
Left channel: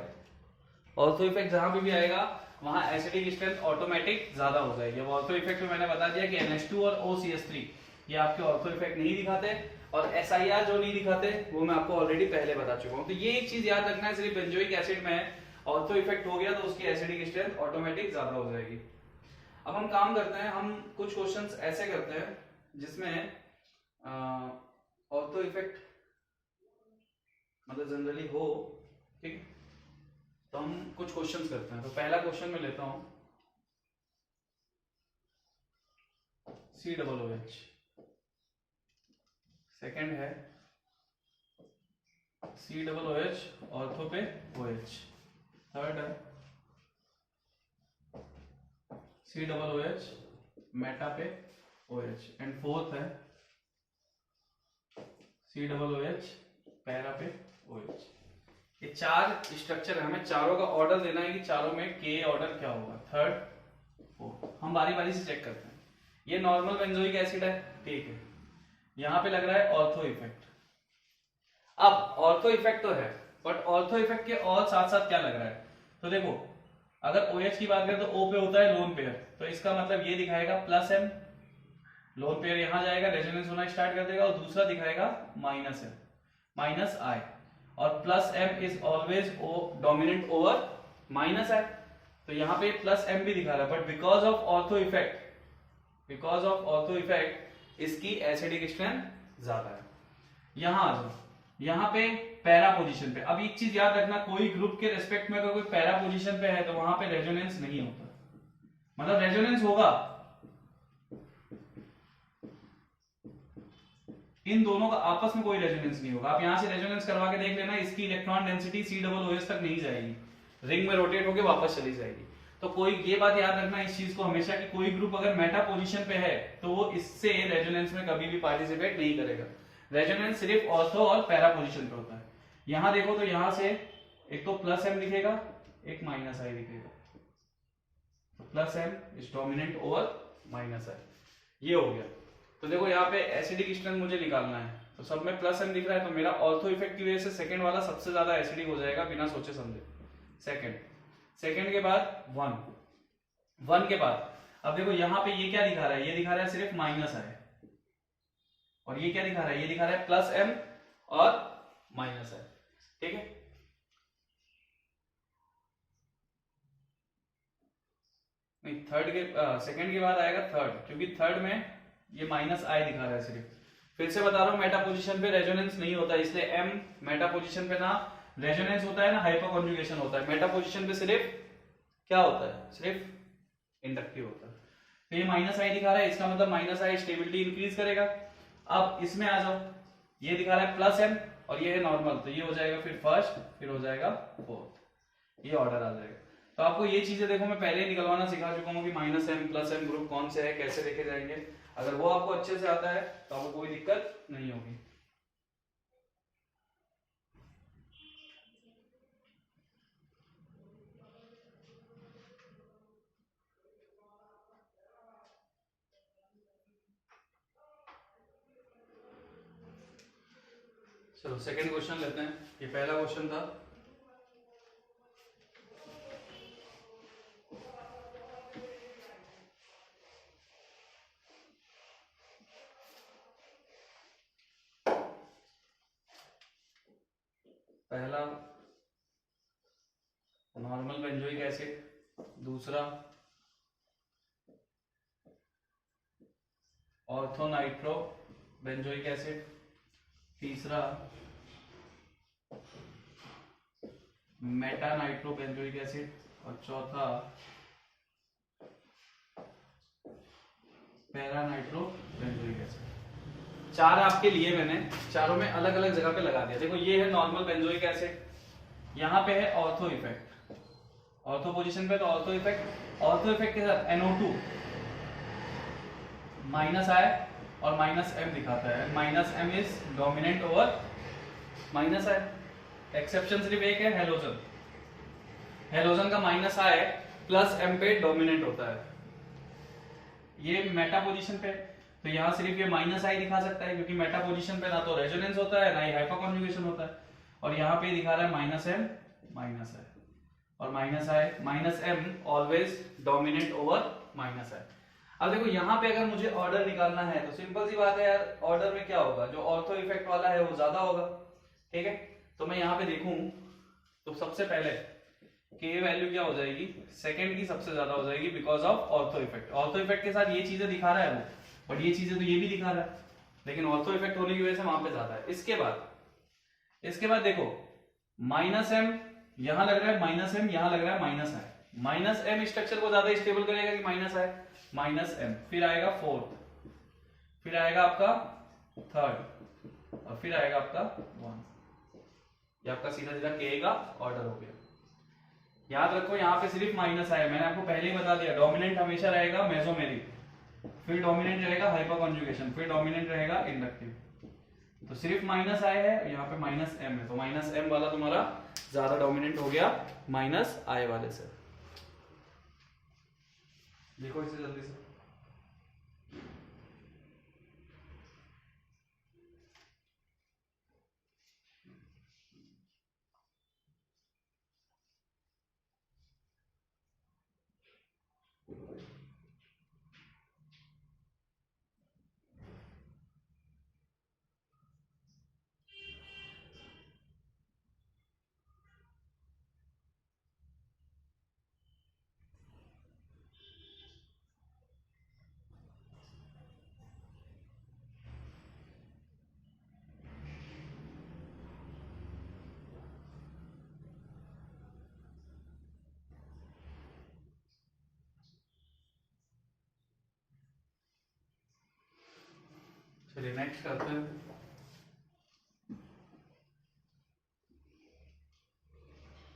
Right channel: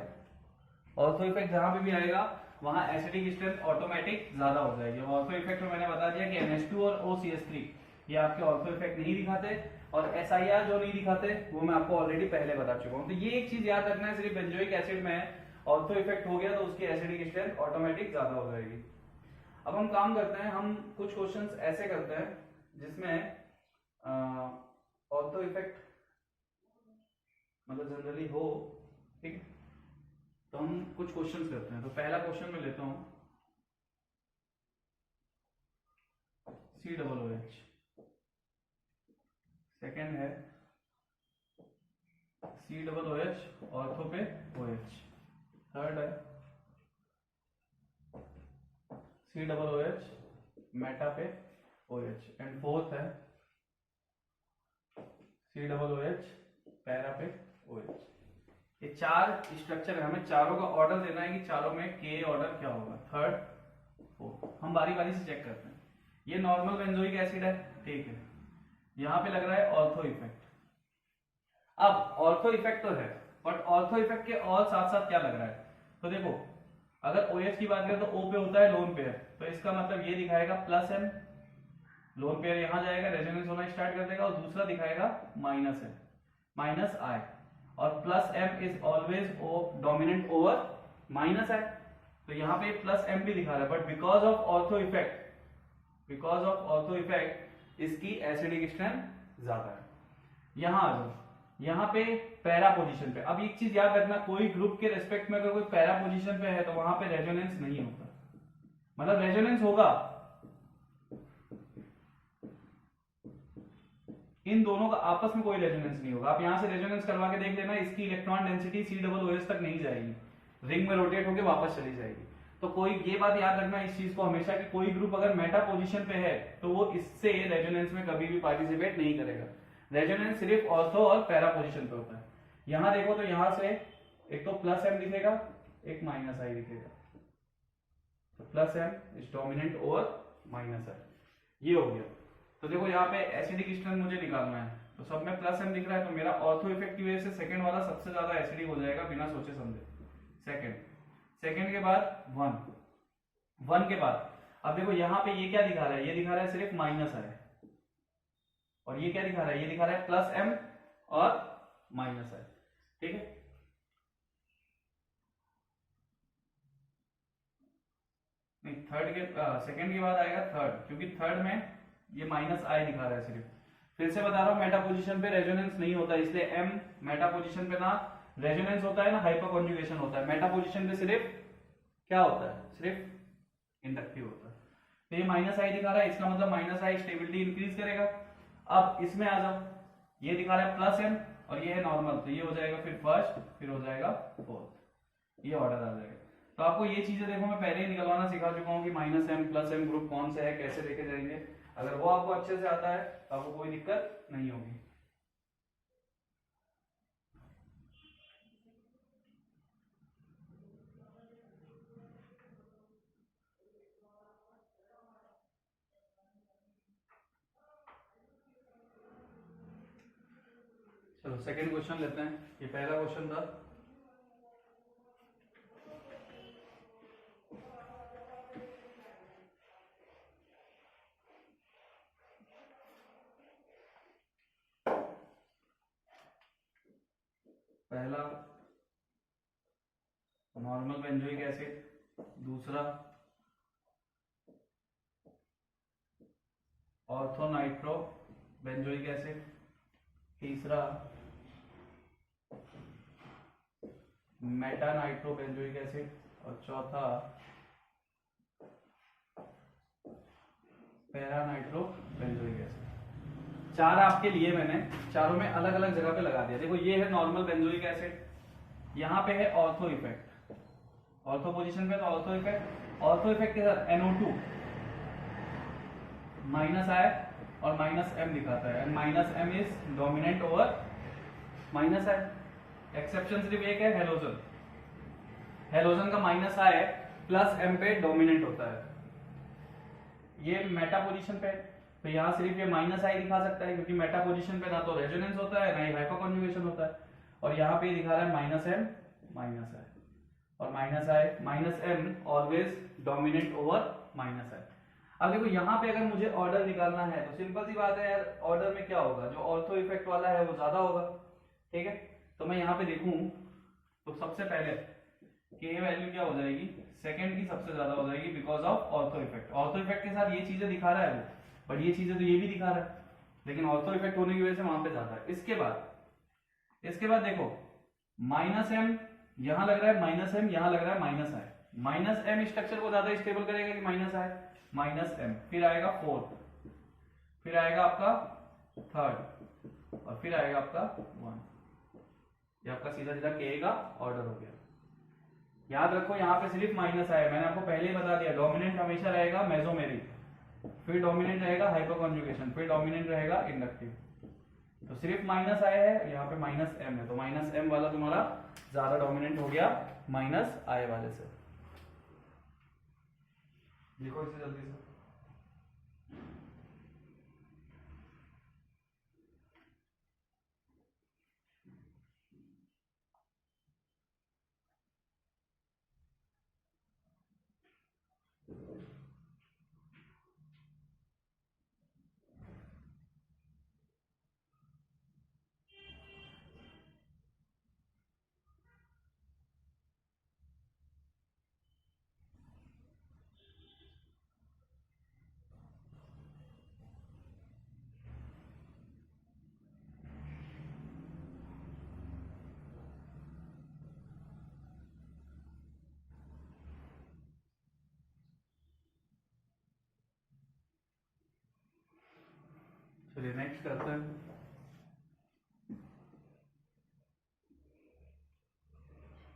ऑर्थो इफेक्ट जहां पे भी आएगा वहां एसिडिक स्ट्रेंथ ऑटोमेटिक ज्यादा हो जाएगी। अब ऑर्थो इफेक्ट में मैंने बता दिया कि NH2 और OCH3 ये आपके ऑर्थो इफेक्ट नहीं दिखाते, और SIR जो नहीं दिखाते वो मैं आपको ऑलरेडी पहले बता चुका हूं। तो ये एक चीज याद रखना है, सिर्फ बेंजोइक एसिड में ऑर्थो इफेक्ट हो गया तो उसकी एसिडिक स्ट्रेंथ ऑटोमेटिक ज्यादा हो जाएगी। अब हम काम करते हैं, हम कुछ क्वेश्चंस ऐसे करते हैं जिसमें ऑर्थो इफेक्ट मतलब जनरली हो, ठीक। तो हम कुछ क्वेश्चंस करते हैं। तो पहला क्वेश्चन मैं लेता हूं COOH, सेकंड है COOH ऑर्थो पे OH, थर्ड है COOH मेटा पे OH, एंड फोर्थ है COOH पैरा पे OH। ये चार स्ट्रक्चर है, हमें चारों का ऑर्डर देना है कि चारों में के ऑर्डर क्या होगा, थर्ड फोर्थ। हम बारी बारी से चेक करते हैं। ये नॉर्मल बेंजोइक एसिड है, ठीक है। यहाँ पे लग रहा है ऑर्थो इफेक्ट। अब ऑर्थो इफेक्ट तो है, बट ऑर्थो इफेक्ट के और साथ साथ क्या लग रहा है, तो देखो अगर OH की बात करें तो O पे होता है लोन पेयर, तो इसका मतलब ये दिखाएगा +M, लोन पेयर यहां जाएगा, रेजोनेंस होना स्टार्ट कर देगा, और दूसरा दिखाएगा -M, -I, और +M is always dominant over -I, तो यहाँ पे +M भी दिखा रहा है, but because of ortho effect इसकी एसिडिक स्ट्रेंथ ज्यादा है। यहां आ जाओ, यहाँ पे पैरा पोजीशन पे। अब एक चीज याद रखना, कोई ग्रुप के रेस्पेक्ट में अगर कोई पैरा पोजीशन पे है तो वहां पे रेजोनेंस नहीं होता, मतलब रेजोनेंस होगा, इन दोनों का आपस में कोई रेजोनेंस नहीं होगा। आप यहां से रेजोनेंस करवा के देख लेना, इसकी इलेक्ट्रॉन डेंसिटी COOH तक नहीं जाएगी, रिंग में रोटेट होकर वापस चली जाएगी। तो कोई ये बात याद रखना इस चीज को हमेशा कि कोई ग्रुप अगर मेटा पोजीशन पे है तो वो इससे रेजोनेंस में कभी भी पार्टिसिपेट नहीं करेगा। रेजोनेंस सिर्फ ऑर्थो और पैरा पोजीशन पे होता है। यहां देखो तो यहां से एक तो +M दिखेगा, एक -I दिखेगा, तो +M is dominant over -I, ये हो गया। तो देखो यहाँ पे एसिडिक स्ट्रेंथ मुझे निकालना है, तो सब में +M दिख रहा है, तो मेरा ऑर्थो इफेक्ट की वजह से सेकंड वाला सबसे ज्यादा एसिडिक हो जाएगा बिना सोचे समझे। सेकंड के बाद 1 के बाद, अब देखो यहाँ पे ये क्या दिखा रहा है, ये दिखा रहा है सिर्फ -I, और ये क्या दिखा रहा है, ये दिखा रहा है +M और -I, ठीक है। नहीं, सेकंड के बाद आएगा थर्ड, क्योंकि थर्ड में ये -I दिखा रहा है सिर्फ। फिर से बता रहा हूं, मेटा पोजीशन पे रेजोनेंस नहीं होता, इसलिए M मेटा पोजीशन पे ना रेजोनेंस होता है ना हाइपर कॉन्जुगेशन होता है। मेटा पोजीशन पे सिर्फ क्या होता है, सिर्फ इंडक्टिव होता है। तो ये -I दिखा रहा है, इसका मतलब -I स्टेबिलिटी इंक्रीज करेगा। अब इसमें आ जाओ, ये दिखा रहा है +M और ये है नॉर्मल, तो ये हो जाएगा फिर फर्स्ट, फिर हो जाएगा फोर्थ, ये ऑर्डर आ जाएगा। तो आपको ये चीजें देखो मैं पहले ही निकलवाना सिखा चुका हूँ कि -M +M ग्रुप कौन से है, कैसे देखे जाएंगे। अगर वो आपको अच्छे से आता है तो आपको कोई दिक्कत नहीं होगी। चलो सेकंड क्वेश्चन लेते हैं। ये पहला क्वेश्चन था, पहला नॉर्मल बेंजोइक एसिड, दूसरा ऑर्थो नाइट्रो बेंजोइक एसिड, तीसरा मेटा नाइट्रो बेंजोइक एसिड, और चौथा पैरा नाइट्रो बेंजोइक एसिड। चार आपके लिए मैंने चारों में अलग अलग जगह पे लगा दिया। देखो ये है नॉर्मल बेंजोइक एसिड, यहाँ पे है ऑर्थो इफेक्ट, ऑर्थो पोजीशन पे तो ऑर्थो इफेक्ट, ऑर्थो इफेक्ट के साथ NO2 -I और -M दिखाता है, -M is dominant over -I। Exception सिर्फ एक है, हेलोजन, हेलोजन का -I +M पे डोमिनेंट होता है। ये मेटा पोजीशन पे, तो यहाँ सिर्फ ये -I दिखा सकता है, क्योंकि मेटा पोजीशन पे ना तो रेजोनेंस होता है ना ही हाइपर कॉन्जुगेशन होता है। और यहाँ पे दिखा रहा है -M -I, और -M always dominant over -I। अब देखो यहाँ पे अगर मुझे ऑर्डर निकालना है तो सिंपल सी बात है यार, ऑर्डर में क्या होगा, जो ऑर्थो इफेक्ट वाला है वो ज्यादा होगा, ठीक है। तो मैं यहाँ पे देखूं तो सबसे पहले के वैल्यू क्या हो जाएगी, सेकंड की सबसे ज्यादा हो जाएगी, because of ortho effect. Ortho effect के साथ ये चीजें दिखा रहा है वो, बट ये चीजें तो ये भी दिखा रहा है, लेकिन ऑर्थो इफेक्ट होने की वजह से वहां पे ज्यादा है। इसके बाद इसके बाद देखो माइनस एम यहां लग रहा है, माइनस एम यहां लग रहा है, माइनस आई। माइनस एम स्ट्रक्चर को ज्यादा स्टेबल करेगा कि माइनस आई? Minus M. फिर आएगा फोर्थ, फिर आएगा आपका थर्ड, और फिर आएगा आपका वन। ये आपका सीधा सीधा के का ऑर्डर हो गया। याद रखो यहाँ पे सिर्फ माइनस आया, मैंने आपको पहले ही बता दिया डोमिनेंट हमेशा रहेगा मेसोमेरिक, फिर डोमिनेंट रहेगा हाइपर कॉन्जुगेशन, फिर डोमिनेंट रहेगा इंडक्टिव। तो सिर्फ माइनस आया है, यहाँ पे माइनस एम है, तो माइनस एम वाला तुम्हारा ज्यादा डोमिनेंट हो गया माइनस आई वाले से। देखो इसे जल्दी से। चलिए नेक्स्ट करते हैं।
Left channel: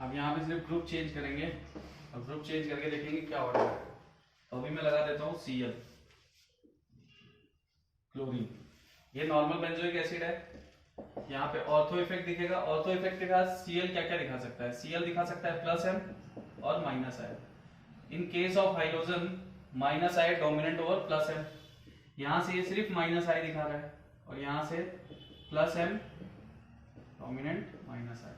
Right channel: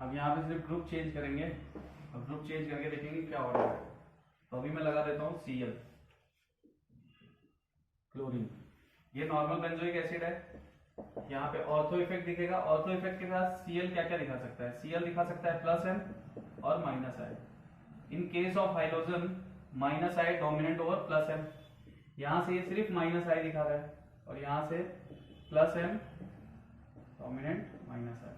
अब यहाँ पे सिर्फ ग्रुप चेंज करेंगे, अब ग्रुप चेंज करके देखेंगे क्या ऑर्डर है। तो अभी मैं लगा देता हूँ Cl क्लोरीन, ये नॉर्मल बेंजोइक एसिड है। यहाँ पे ऑर्थो इफेक्ट दिखेगा, ऑर्थो इफेक्ट के साथ Cl क्या क्या दिखा सकता है? Cl दिखा सकता है प्लस एम और minus I. In case of hydrogen minus I dominant over plus M. यहां से ये सिर्फ माइनस आई दिखा रहा है और यहां से प्लस एम डोमिनेंट माइनस आई।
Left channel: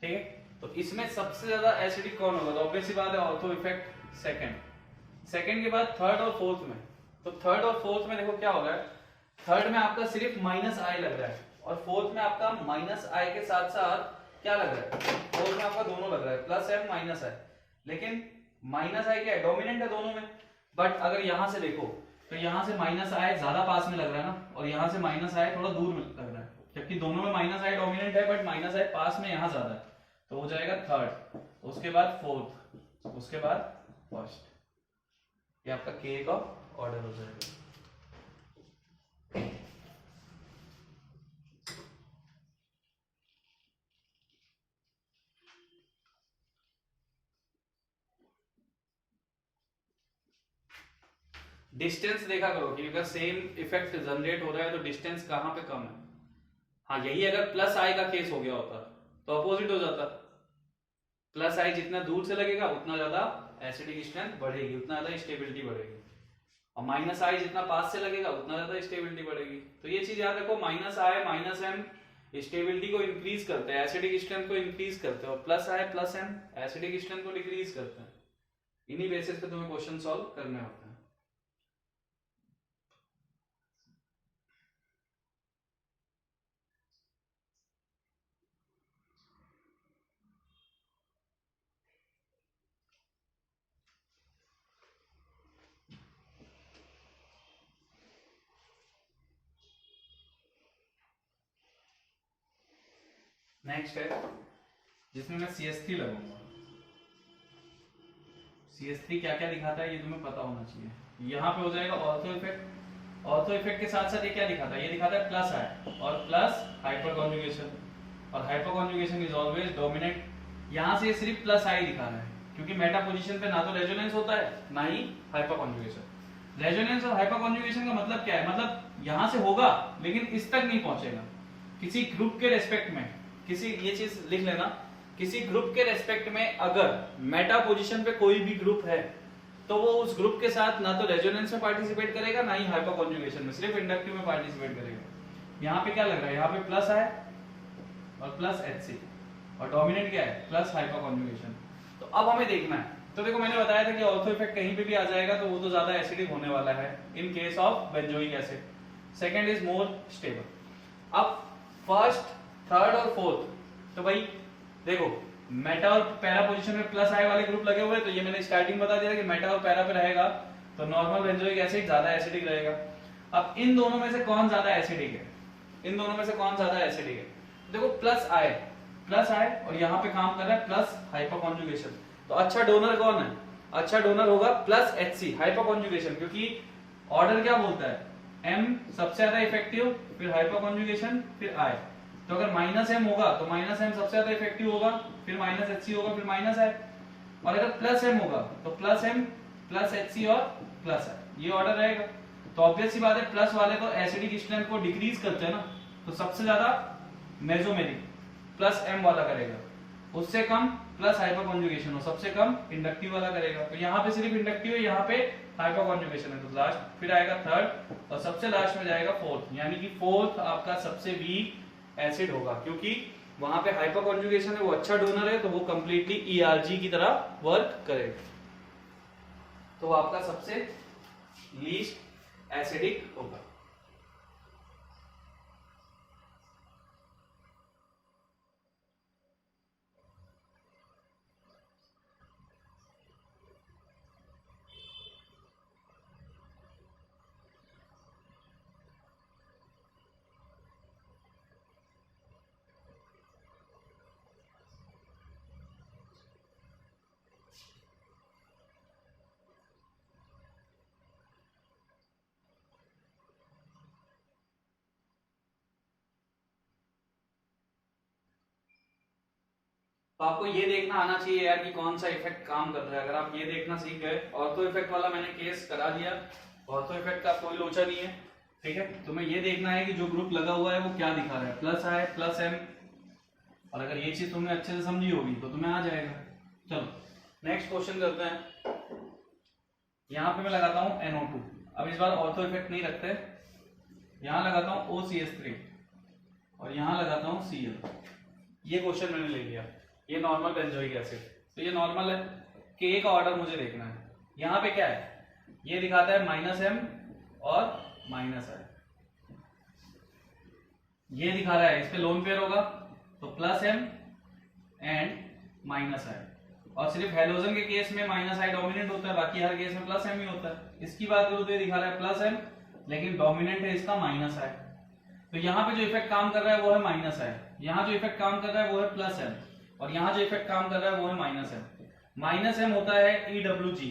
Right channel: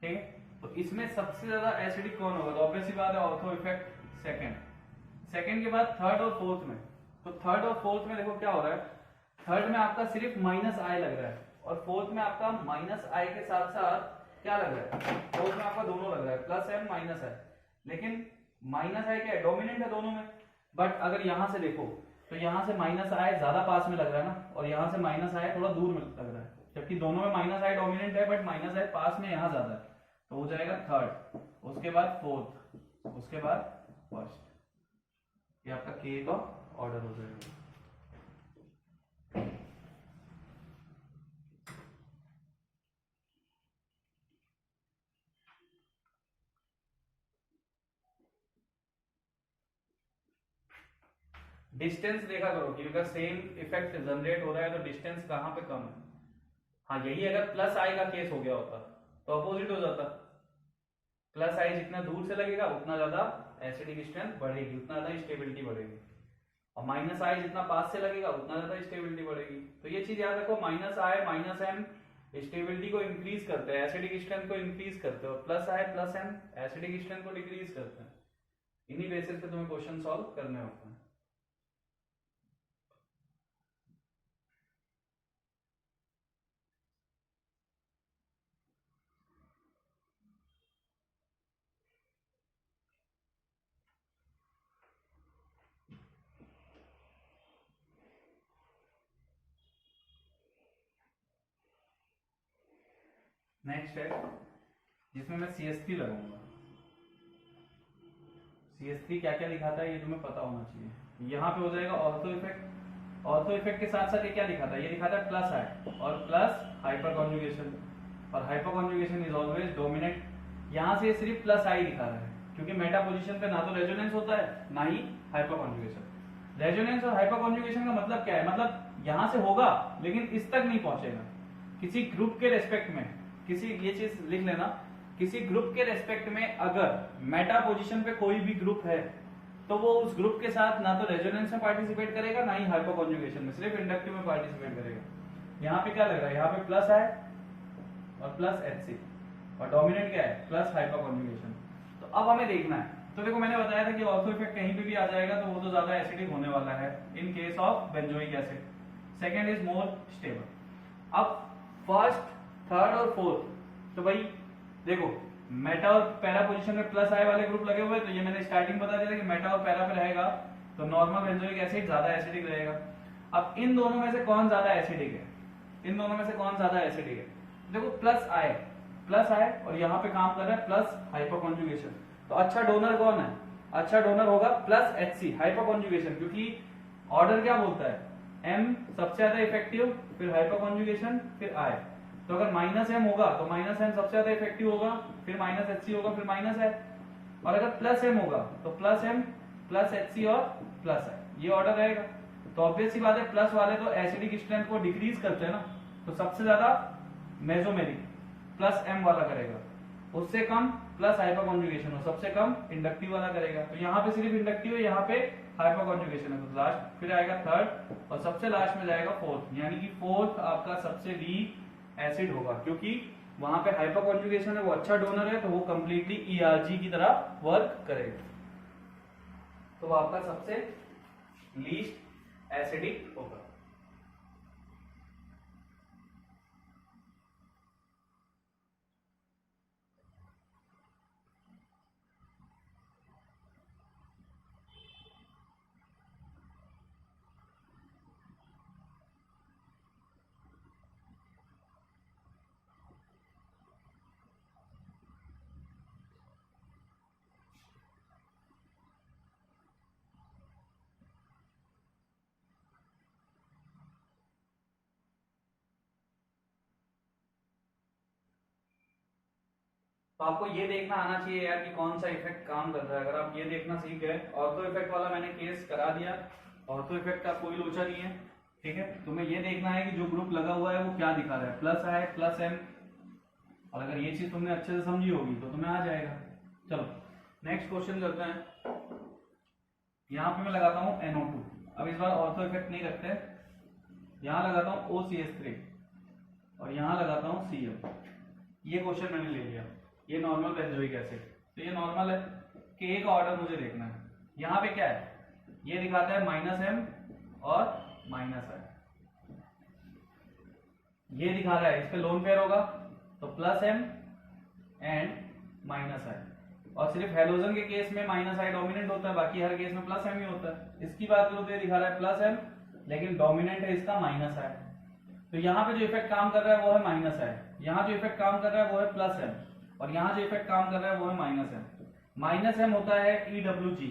ठीक है, तो इसमें सबसे ज्यादा एसिडिक कौन होगा? तो ऑब्वियस सी बात है ऑर्थो इफेक्ट सेकंड। सेकंड के बाद थर्ड और फोर्थ में, तो थर्ड और फोर्थ में देखो क्या हो रहा है। थर्ड में आपका सिर्फ माइनस आई लग रहा है और फोर्थ में आपका माइनस आई के साथ साथ क्या लग रहा है? फोर्थ में आपका दोनों लग रहा है, प्लस एम माइनस आई। लेकिन माइनस आई क्या है? डोमिनेंट है दोनों में। बट अगर यहां से देखो तो यहां से माइनस आई ज्यादा पास में लग रहा है ना, और यहां से माइनस आई थोड़ा दूर में लग रहा है, जबकि दोनों में माइनस आई डोमिनेंट है बट माइनस आई पास में यहां ज्यादा है। तो हो जाएगा थर्ड, उसके बाद फोर्थ, उसके बाद फर्स्ट। ये आपका के का ऑर्डर हो जाएगा। डिस्टेंस देखा करो कि अगर सेम इफेक्ट जनरेट हो रहा है तो डिस्टेंस कहां पे कम है। हाँ, यही अगर प्लस आई का केस हो गया होता तो अपोजिट हो जाता। प्लस आई जितना दूर से लगेगा उतना ज्यादा एसिडिक स्ट्रेंथ बढ़ेगी, उतना ज्यादा स्टेबिलिटी बढ़ेगी, और माइनस आई जितना पास से लगेगा उतना ज्यादा स्टेबिलिटी बढ़ेगी। तो ये चीज याद रखो, माइनस आई माइनस एम स्टेबिलिटी को इंक्रीज करते हैं, एसिडिक स्ट्रेंथ को इंक्रीज करते हैं, और plus I plus M acidic strength को डिक्रीज करते हैं। इन्हीं बेसिस पे तुम्हें क्वेश्चन सॉल्व करने होते हैं। नेक्स्ट है जिसमें मैं CH3 लगाऊंगा। CH3 क्या क्या दिखाता है ये तुम्हें पता होना चाहिए। यहाँ पे हो जाएगा ऑर्थो इफेक्ट। ऑर्थो इफेक्ट के साथ साथ ये क्या दिखाता है? ये दिखाता है प्लस आई और प्लस हाइपर कॉन्जुगेशन, और hyper conjugation is always dominant. यहाँ से ये सिर्फ प्लस आई दिखा रहा है क्योंकि मेटा पोजीशन पे ना तो रेजोनेंस होता है ना ही हाइपर कॉन्जुगेशन। रेजोनेंस और हाइपर कॉन्जुगेशन का मतलब क्या है? मतलब यहाँ से होगा लेकिन इस तक नहीं पहुंचेगा। किसी ग्रुप के रेस्पेक्ट में, किसी, ये चीज लिख लेना, किसी ग्रुप के रेस्पेक्ट में अगर मेटा पोजीशन पे कोई भी ग्रुप है तो वो उस ग्रुप के साथ ना तो रेजोनेंस में पार्टिसिपेट करेगा ना ही हाइपर कॉन्जुगेशन में, सिर्फ इंडक्टिव में पार्टिसिपेट करेगा। यहाँ पे क्या लग रहा है? यहाँ पे प्लस है और प्लस HC, और डोमिनेंट क्या है? Plus hyper conjugation. तो अब हमें देखना है, तो देखो मैंने बताया था कि ऑर्थो इफेक्ट कहीं पे भी आ जाएगा तो वो तो ज्यादा एसिडिक होने वाला है इन case of benzoic acid. Second is more stable. अब फर्स्ट, थर्ड और फोर्थ, तो भाई देखो मेटा और पैरा पोजीशन में प्लस आई वाले ग्रुप लगे हुए हैं, तो ये मैंने स्टार्टिंग बता दिया कि मेटा और पैरा पे रहेगा तो नॉर्मल बेंजोइक एसिड ज्यादा एसिडिक रहेगा। अब इन दोनों में से कौन ज्यादा एसिडिक है? इन दोनों में से कौन ज्यादा एसिडिक है? देखो प्लस आई और यहाँ पे काम कर रहा है प्लस हाइपर कॉन्जुगेशन, तो अच्छा डोनर कौन है? अच्छा डोनर होगा प्लस HC हाइपर कॉन्जुगेशन, क्योंकि ऑर्डर क्या बोलता है? M सबसे ज्यादा इफेक्टिव, फिर हाइपर कॉन्जुगेशन, फिर I। तो अगर माइनस M होगा तो माइनस M सबसे ज्यादा इफेक्टिव होगा, फिर माइनस HC होगा, फिर माइनस I। और अगर प्लस M होगा तो प्लस M प्लस HC और प्लस I, ये ऑर्डर रहेगा। तो ऑब्वियस सी बात है प्लस वाले तो एसिडिक स्ट्रेंथ को डिक्रीज करते हैं ना, तो सबसे ज्यादा मेसोमेरिक प्लस M वाला करेगा, उससे कम प्लस हाइपर कॉन्जुगेशन हो, सबसे कम इंडक्टिव वाला करेगा। तो यहाँ पे सिर्फ इंडक्टिव है, यहाँ पे हाइपर कॉन्जुगेशन है, तो लास्ट फिर आएगा थर्ड और सबसे लास्ट में जाएगा फोर्थ, यानी कि फोर्थ आपका सबसे वीक एसिड होगा, क्योंकि वहां पे हाइपर कॉन्जुगेशन है, वो अच्छा डोनर है, तो वो कंप्लीटली ERG की तरह वर्क करेगा, तो वो आपका सबसे लीस्ट एसिडिक होगा। तो आपको ये देखना आना चाहिए यार कि कौन सा इफेक्ट काम कर रहा है। अगर आप ये देखना सीख गए, ऑर्थो इफेक्ट वाला मैंने केस करा दिया, ऑर्थो इफेक्ट का कोई लोचा नहीं है, ठीक है। तुम्हें ये देखना है कि जो ग्रुप लगा हुआ है वो क्या दिखा रहा है, प्लस I प्लस M, और अगर ये चीज तुमने अच्छे से समझी होगी तो तुम्हें आ जाएगा। चलो नेक्स्ट क्वेश्चन करते हैं। यहाँ पे मैं लगाता हूँ NO2, अब इस बार ऑर्थो इफेक्ट नहीं रखते, यहाँ लगाता हूँ OCH3 और यहाँ लगाता हूँ Cl। ये क्वेश्चन मैंने ले लिया, ये नॉर्मल बेंजोइक एसिड, तो ये नॉर्मल है, K का ऑर्डर मुझे देखना है। यहाँ पे क्या है, ये दिखाता है -M और -I, ये दिखा रहा है, इस पे लोन पेयर होगा तो +M एंड -I, और सिर्फ हेलोजन के केस में -I डोमिनेंट होता है, बाकी हर केस में +M ही होता है। इसकी बात करूं तो ये दिखा रहा है +M, लेकिन डोमिनेंट है इसका -I, तो यहाँ पे जो इफेक्ट काम कर रहा है वो है -I, यहाँ जो इफेक्ट काम कर रहा है वो है +M, और यहाँ जो इफेक्ट काम कर रहा है वो है -M। -M होता है EWG,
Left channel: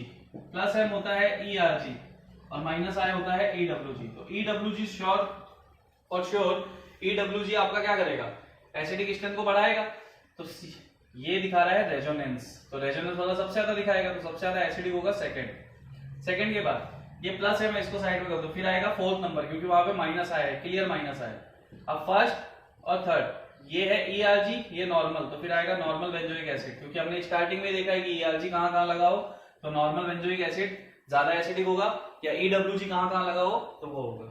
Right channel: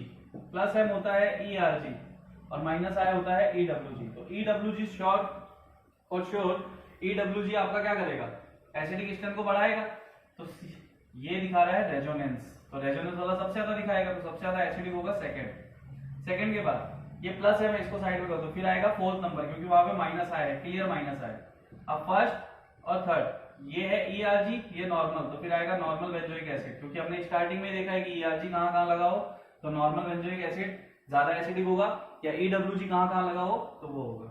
+M होता है ERG, और -I होता है EWG। तो EWG श्योर और श्योर EWG आपका क्या करेगा, एसिडिक स्ट्रेंथ को बढ़ाएगा। तो ये दिखा रहा है रेजोनेंस, तो रेजोनेंस वाला सबसे ज्यादा दिखाएगा, तो सबसे ज्यादा एसिडिक होगा सेकंड के बाद ये +M है, इसको साइड में कर दो, फिर आएगा फोर्थ नंबर, क्योंकि वहां पे -I है, क्लियर -I। अब फर्स्ट और थर्ड ये है ERG, ये नॉर्मल, तो फिर आएगा नॉर्मल बेंजोइक एसिड, क्योंकि हमने स्टार्टिंग में देखा है कि ERG कहां लगाओ तो नॉर्मल बेंजोइक एसिड ज्यादा एसिडिक होगा, या EWG कहां लगाओ तो वो होगा।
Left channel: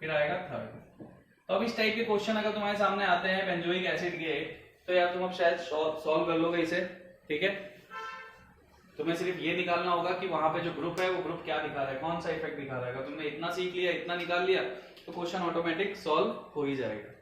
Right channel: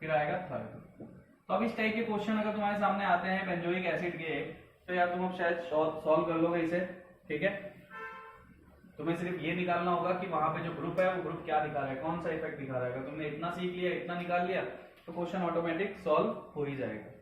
फिर आएगा थर्ड। तो अब इस टाइप के क्वेश्चन अगर तुम्हारे सामने आते हैं बेंजोइक एसिड के, तो यार तुम अब शायद सॉल्व कर लोगे इसे, ठीक है। तुम्हें सिर्फ ये निकालना होगा कि वहां पे जो ग्रुप है वो ग्रुप क्या दिखा रहा है, कौन सा इफेक्ट दिखा रहा है। अगर तुमने इतना सीख लिया, इतना निकाल लिया, तो क्वेश्चन ऑटोमेटिक सॉल्व हो ही जाएगा।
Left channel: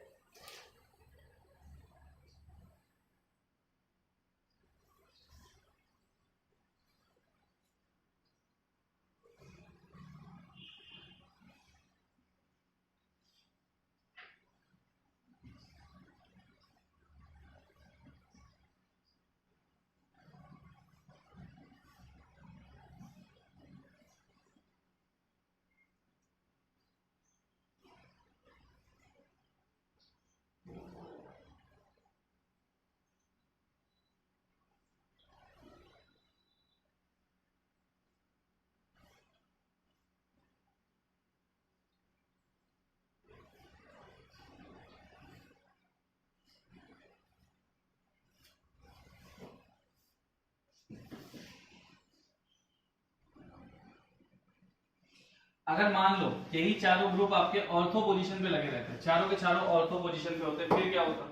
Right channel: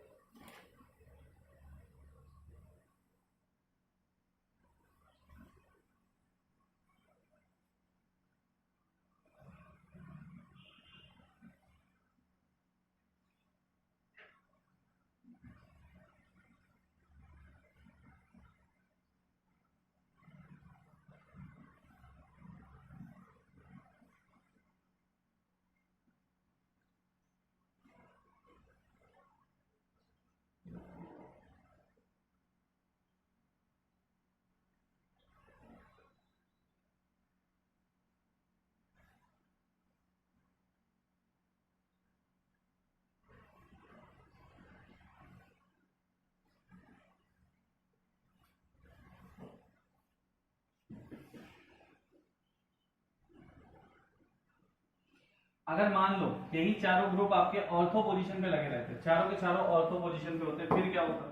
अगर मान लो यही चारों ग्रुप आपके ऑर्थो पोजीशन पे लगे रहते, चारों के चारों ऑर्थो पोजीशन पे होते, फिर क्या होता?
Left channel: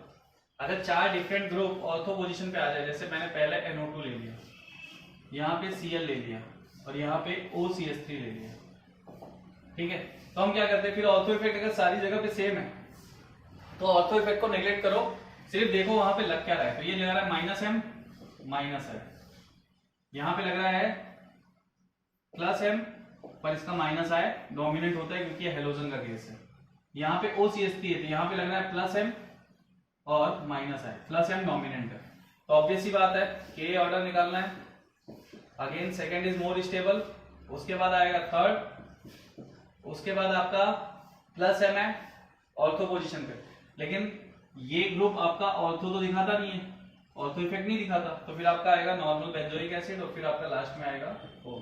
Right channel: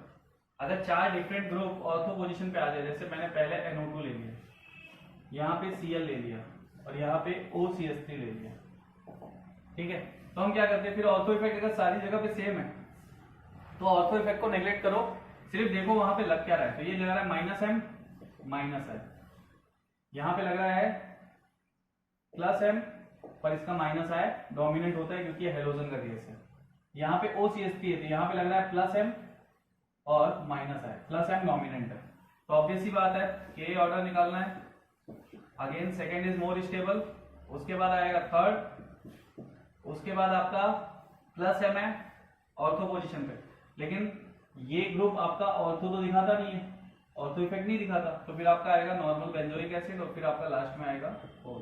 अगर चार डिफरेंट ग्रुप ऑर्थो पोजीशन पे आ जाए, जैसे मैंने पहले NO2 ले लिया, यहाँ पे Cl ले लिया, और यहाँ पे OCH3 ले लिया, ठीक है, तो हम क्या करते हैं, फिर ऑर्थो इफेक्ट अगर सारी जगह पे सेम है तो ऑर्थो इफेक्ट को नेग्लेक्ट करो, सिर्फ देखो वहां पे लग क्या रहा है। तो ये लग रहा है -M -I, यहाँ पे लग रहा है +M, पर इसका -I डोमिनेंट होता है क्योंकि ये हेलोजन का केस है। यहाँ पे OCH3 है, तो यहाँ पे लग रहा है +M और माइनस आई, प्लस एम डोमिनेंट है, तो ऑब्वियस सी बात है के ऑर्डर निकालना है। Again second is more stable, उसके बाद आएगा थर्ड, उसके बाद आपका प्लस एम है ऑर्थो पोजीशन पे, लेकिन ये ग्रुप आपका ऑर्थो तो दिखाता नहीं है, ऑर्थो इफेक्ट नहीं दिखाता, तो फिर आपका आएगा नॉर्मल बेंजोइक एसिड और फिर आपका लास्ट में आएगा O।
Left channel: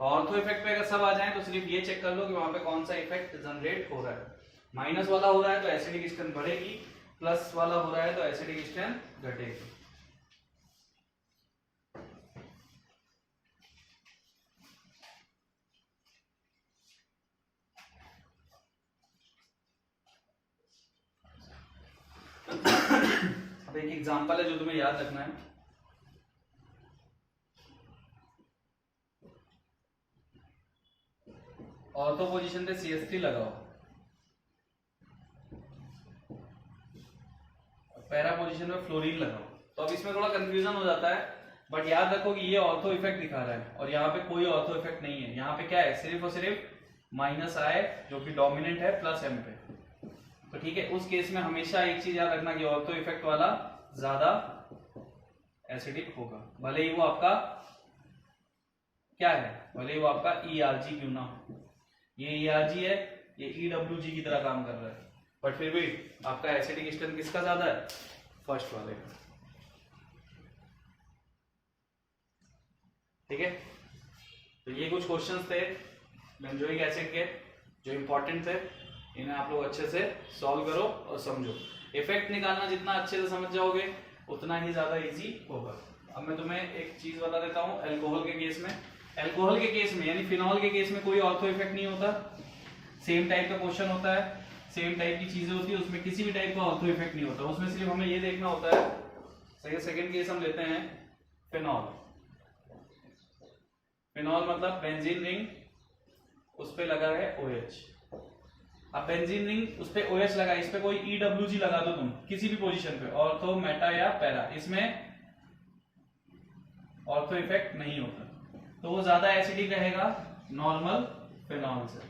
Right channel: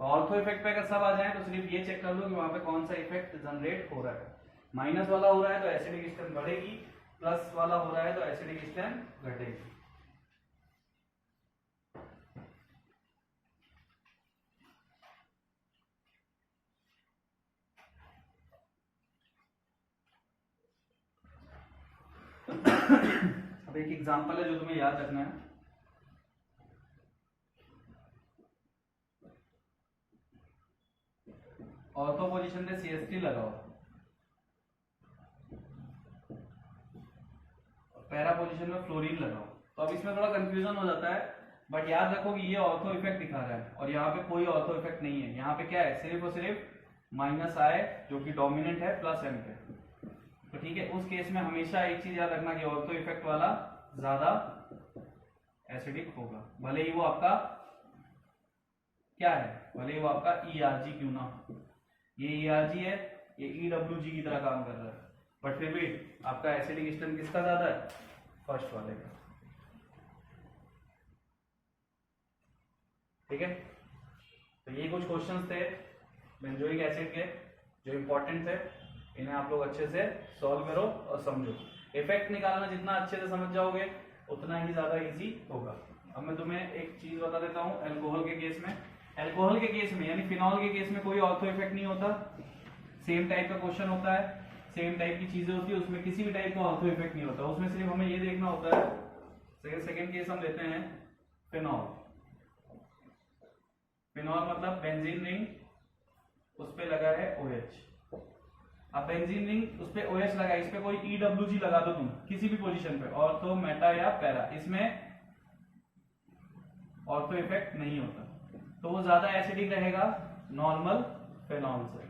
ऑर्थो इफेक्ट पे अगर सब आ जाए तो सिर्फ ये चेक कर लो कि वहां पे कौन सा इफेक्ट जनरेट हो रहा है। माइनस वाला हो रहा है तो एसिडिक स्ट्रेंथ बढ़ेगी, प्लस वाला हो रहा है तो एसिडिक स्ट्रेंथ घटेगी। अब एक एग्जांपल है जो तुम्हें याद रखना है। ऑर्थो पोजीशन पे CH3 लगाओ, पैरा पोजीशन में फ्लोरीन लगाओ, तो अब इसमें थोड़ा कंफ्यूजन हो जाता है, बट याद रखो कि ये ऑर्थो इफेक्ट दिखा रहा है और यहाँ पे कोई ऑर्थो इफेक्ट नहीं है। यहाँ पे क्या है, सिर्फ और सिर्फ माइनस आई जो कि डोमिनेंट है प्लस एम पे, तो ठीक है। उस केस में हमेशा एक चीज याद रखना कि ऑर्थो इफेक्ट वाला ज्यादा एसिडिक होगा, भले ही वो आपका क्या है, भले ही वो आपका ERG क्यों ना हो। ये ERG है, ये EWG की तरह काम कर रहा है, बट फिर भी आपका एसिडिक स्ट्रेंथ किसका ज्यादा है, फर्स्ट वाले का। ठीक है, तो ये कुछ क्वेश्चंस थे बेंजोइक एसिड के जो इंपॉर्टेंट थे, इन्हें आप लोग अच्छे से सॉल्व करो और समझो। इफेक्ट निकालना जितना अच्छे से समझ जाओगे उतना ही ज्यादा इजी होगा। अब मैं तुम्हें एक चीज बता देता हूँ, अल्कोहल के केस में, अल्कोहल के केस में यानी फिनॉल के केस में कोई ऑर्थो इफेक्ट नहीं होता, सेम टाइप का क्वेश्चन होता है, सेम टाइप की चीजें होती है, उसमें किसी भी टाइप का ऑर्थो इफेक्ट नहीं होता, उसमें सिर्फ हमें ये देखना होता है। सेकंड केस हम लेते हैं फिनॉल, फिनॉल मतलब बेंजीन रिंग, उस पे लगा है OH। अब बेंजीन रिंग उस पे OH लगा, इस पे कोई EWG लगा दो तुम किसी भी पोजीशन पे, ऑर्थो मेटा या पैरा, इसमें ऑर्थो इफेक्ट नहीं होता, तो वो ज्यादा एसिडिक रहेगा नॉर्मल फिनॉल से,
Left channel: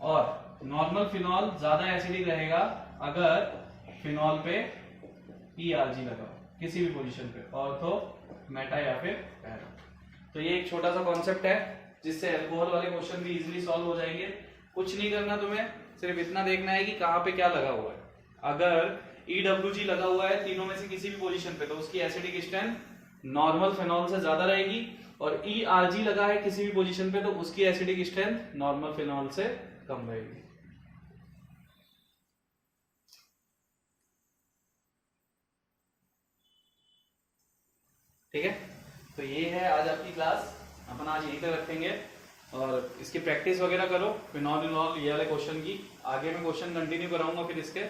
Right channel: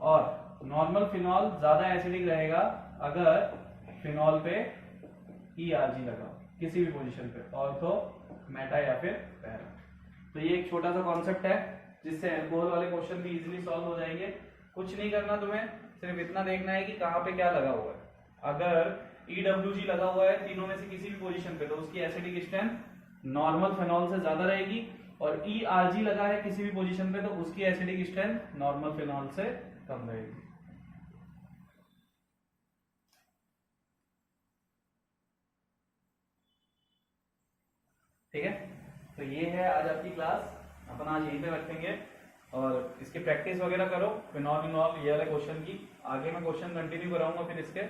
और नॉर्मल फिनॉल ज्यादा एसिडिक रहेगा अगर फिनॉल पे ERG लगाओ किसी भी पोजीशन पे, ऑर्थो मेटा या फिर पैरा। तो ये एक छोटा सा कॉन्सेप्ट है जिससे अल्कोहल वाले क्वेश्चन भी इजीली सॉल्व हो जाएंगे। कुछ नहीं करना तुम्हें, सिर्फ इतना देखना है कि कहाँ पे क्या लगा हुआ है। अगर EWG लगा हुआ है तीनों में से किसी भी पोजीशन पे, तो उसकी एसिडिक स्ट्रेंथ नॉर्मल फिनॉल से ज्यादा रहेगी, और ERG लगा है किसी भी पोजीशन पे तो उसकी एसिडिक स्ट्रेंथ नॉर्मल फिनॉल से कम रहेगी। ठीक है, तो ये है आज आपकी क्लास, अपन आज यहीं पे रखेंगे और इसकी प्रैक्टिस वगैरह करो फिनॉल विनॉल ये वाले क्वेश्चन की। आगे मैं क्वेश्चन कंटिन्यू कराऊंगा फिर इसके।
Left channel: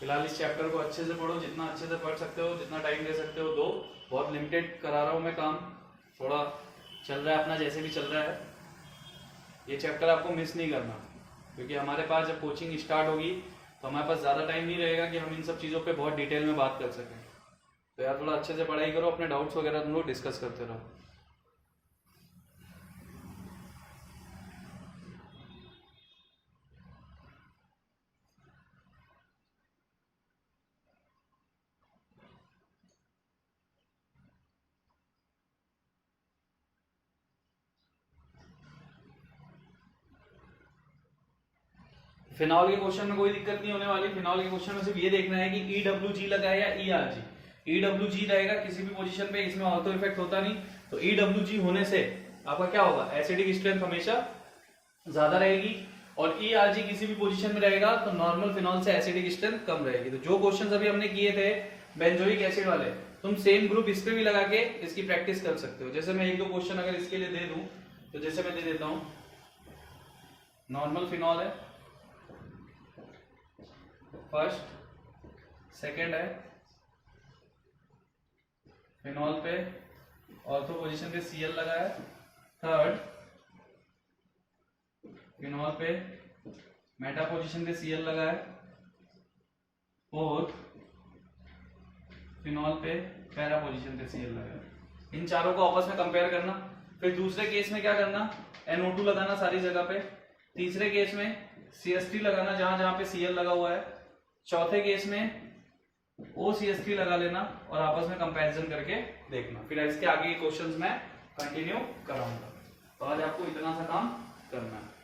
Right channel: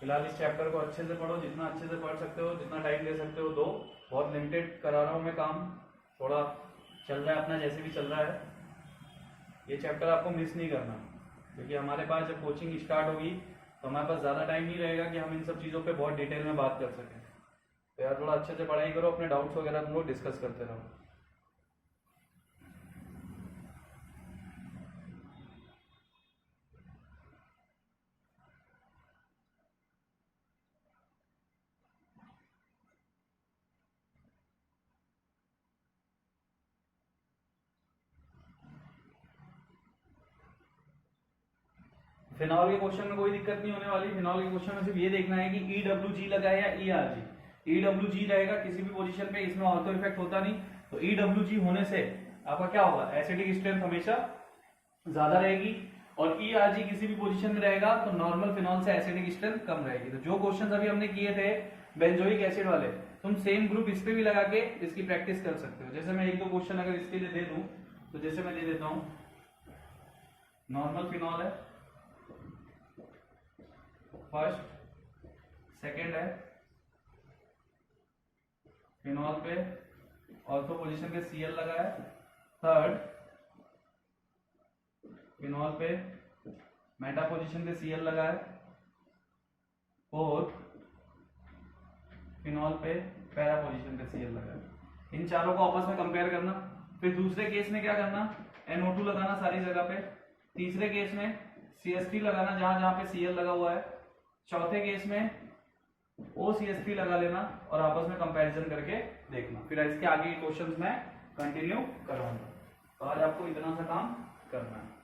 फिलहाल इस चैप्टर को अच्छे से पढ़ो, जितना अच्छे से पढ़ सकते हो, जितना टाइम दे सकते हो दो। बहुत लिमिटेड करा रहा हूँ मैं काम, थोड़ा चल रहा है अपना जैसे भी चल रहा है। ये चैप्टर आपको मिस नहीं करना, क्योंकि हमारे पास जब कोचिंग स्टार्ट होगी तो हमारे पास ज़्यादा टाइम नहीं रहेगा कि हम इन सब चीज़ों पे बहुत डिटेल में बात कर सकें। तो यार थोड़ा अच्छे से पढ़ाई करो, अपने डाउट्स वगैरह तुम लोग डिस्कस करते रहो। फिनॉल के क्वेश्चन में कोई दिक्कत नहीं होने वाली। फिनॉल के क्वेश्चन में सिर्फ ये देखना है कि EWG लगा है या ERG। EWG रहेगा किसी भी पोजीशन पे, इसमें ऑर्थो इफेक्ट होता नहीं, तो EWG होने से आपका क्या होगा, एसिडिक स्ट्रेंथ हमेशा ज्यादा रहेगी, और ERG किसी भी पोजीशन में रहेगा तो नॉर्मल फिनॉल से एसिडिक स्ट्रेंथ कम रहेगी। तो जो क्वेश्चन अभी हमने किए थे बेंजोइक एसिड वाले, तुम सेम ग्रुप इस पे भी लगा के इसकी प्रैक्टिस कर सकते हो। जैसे मैं एक दो क्वेश्चन अगर इसके लिए दे दूं, तो जैसे मैं दे देता हूं, नॉर्मल फिनॉल है फर्स्ट, सेकंड है फिनॉल पे ऑर्थो पोजीशन पे Cl लगा है, थर्ड फिनॉल पे मेटा पोजीशन पे Cl लगा है, फोर्थ फिनॉल पे पैरा पोजीशन पे Cl लगा है। इन चारों को आपस में कंपेयर करना। फिर दूसरे केस में क्या करना, NO2 लगाना सारी जगह पे। तीसरे केस में CH3 लगाना जहां जहां पे Cl लगा हुआ है। चौथे केस में OCH3 लगा लेना और आपस में कंपैरिजन करके देखना। फिर इसके आगे के क्वेश्चंस मैं कंटिन्यू कराऊंगा। तो आज आपको इतना सा काम करना है।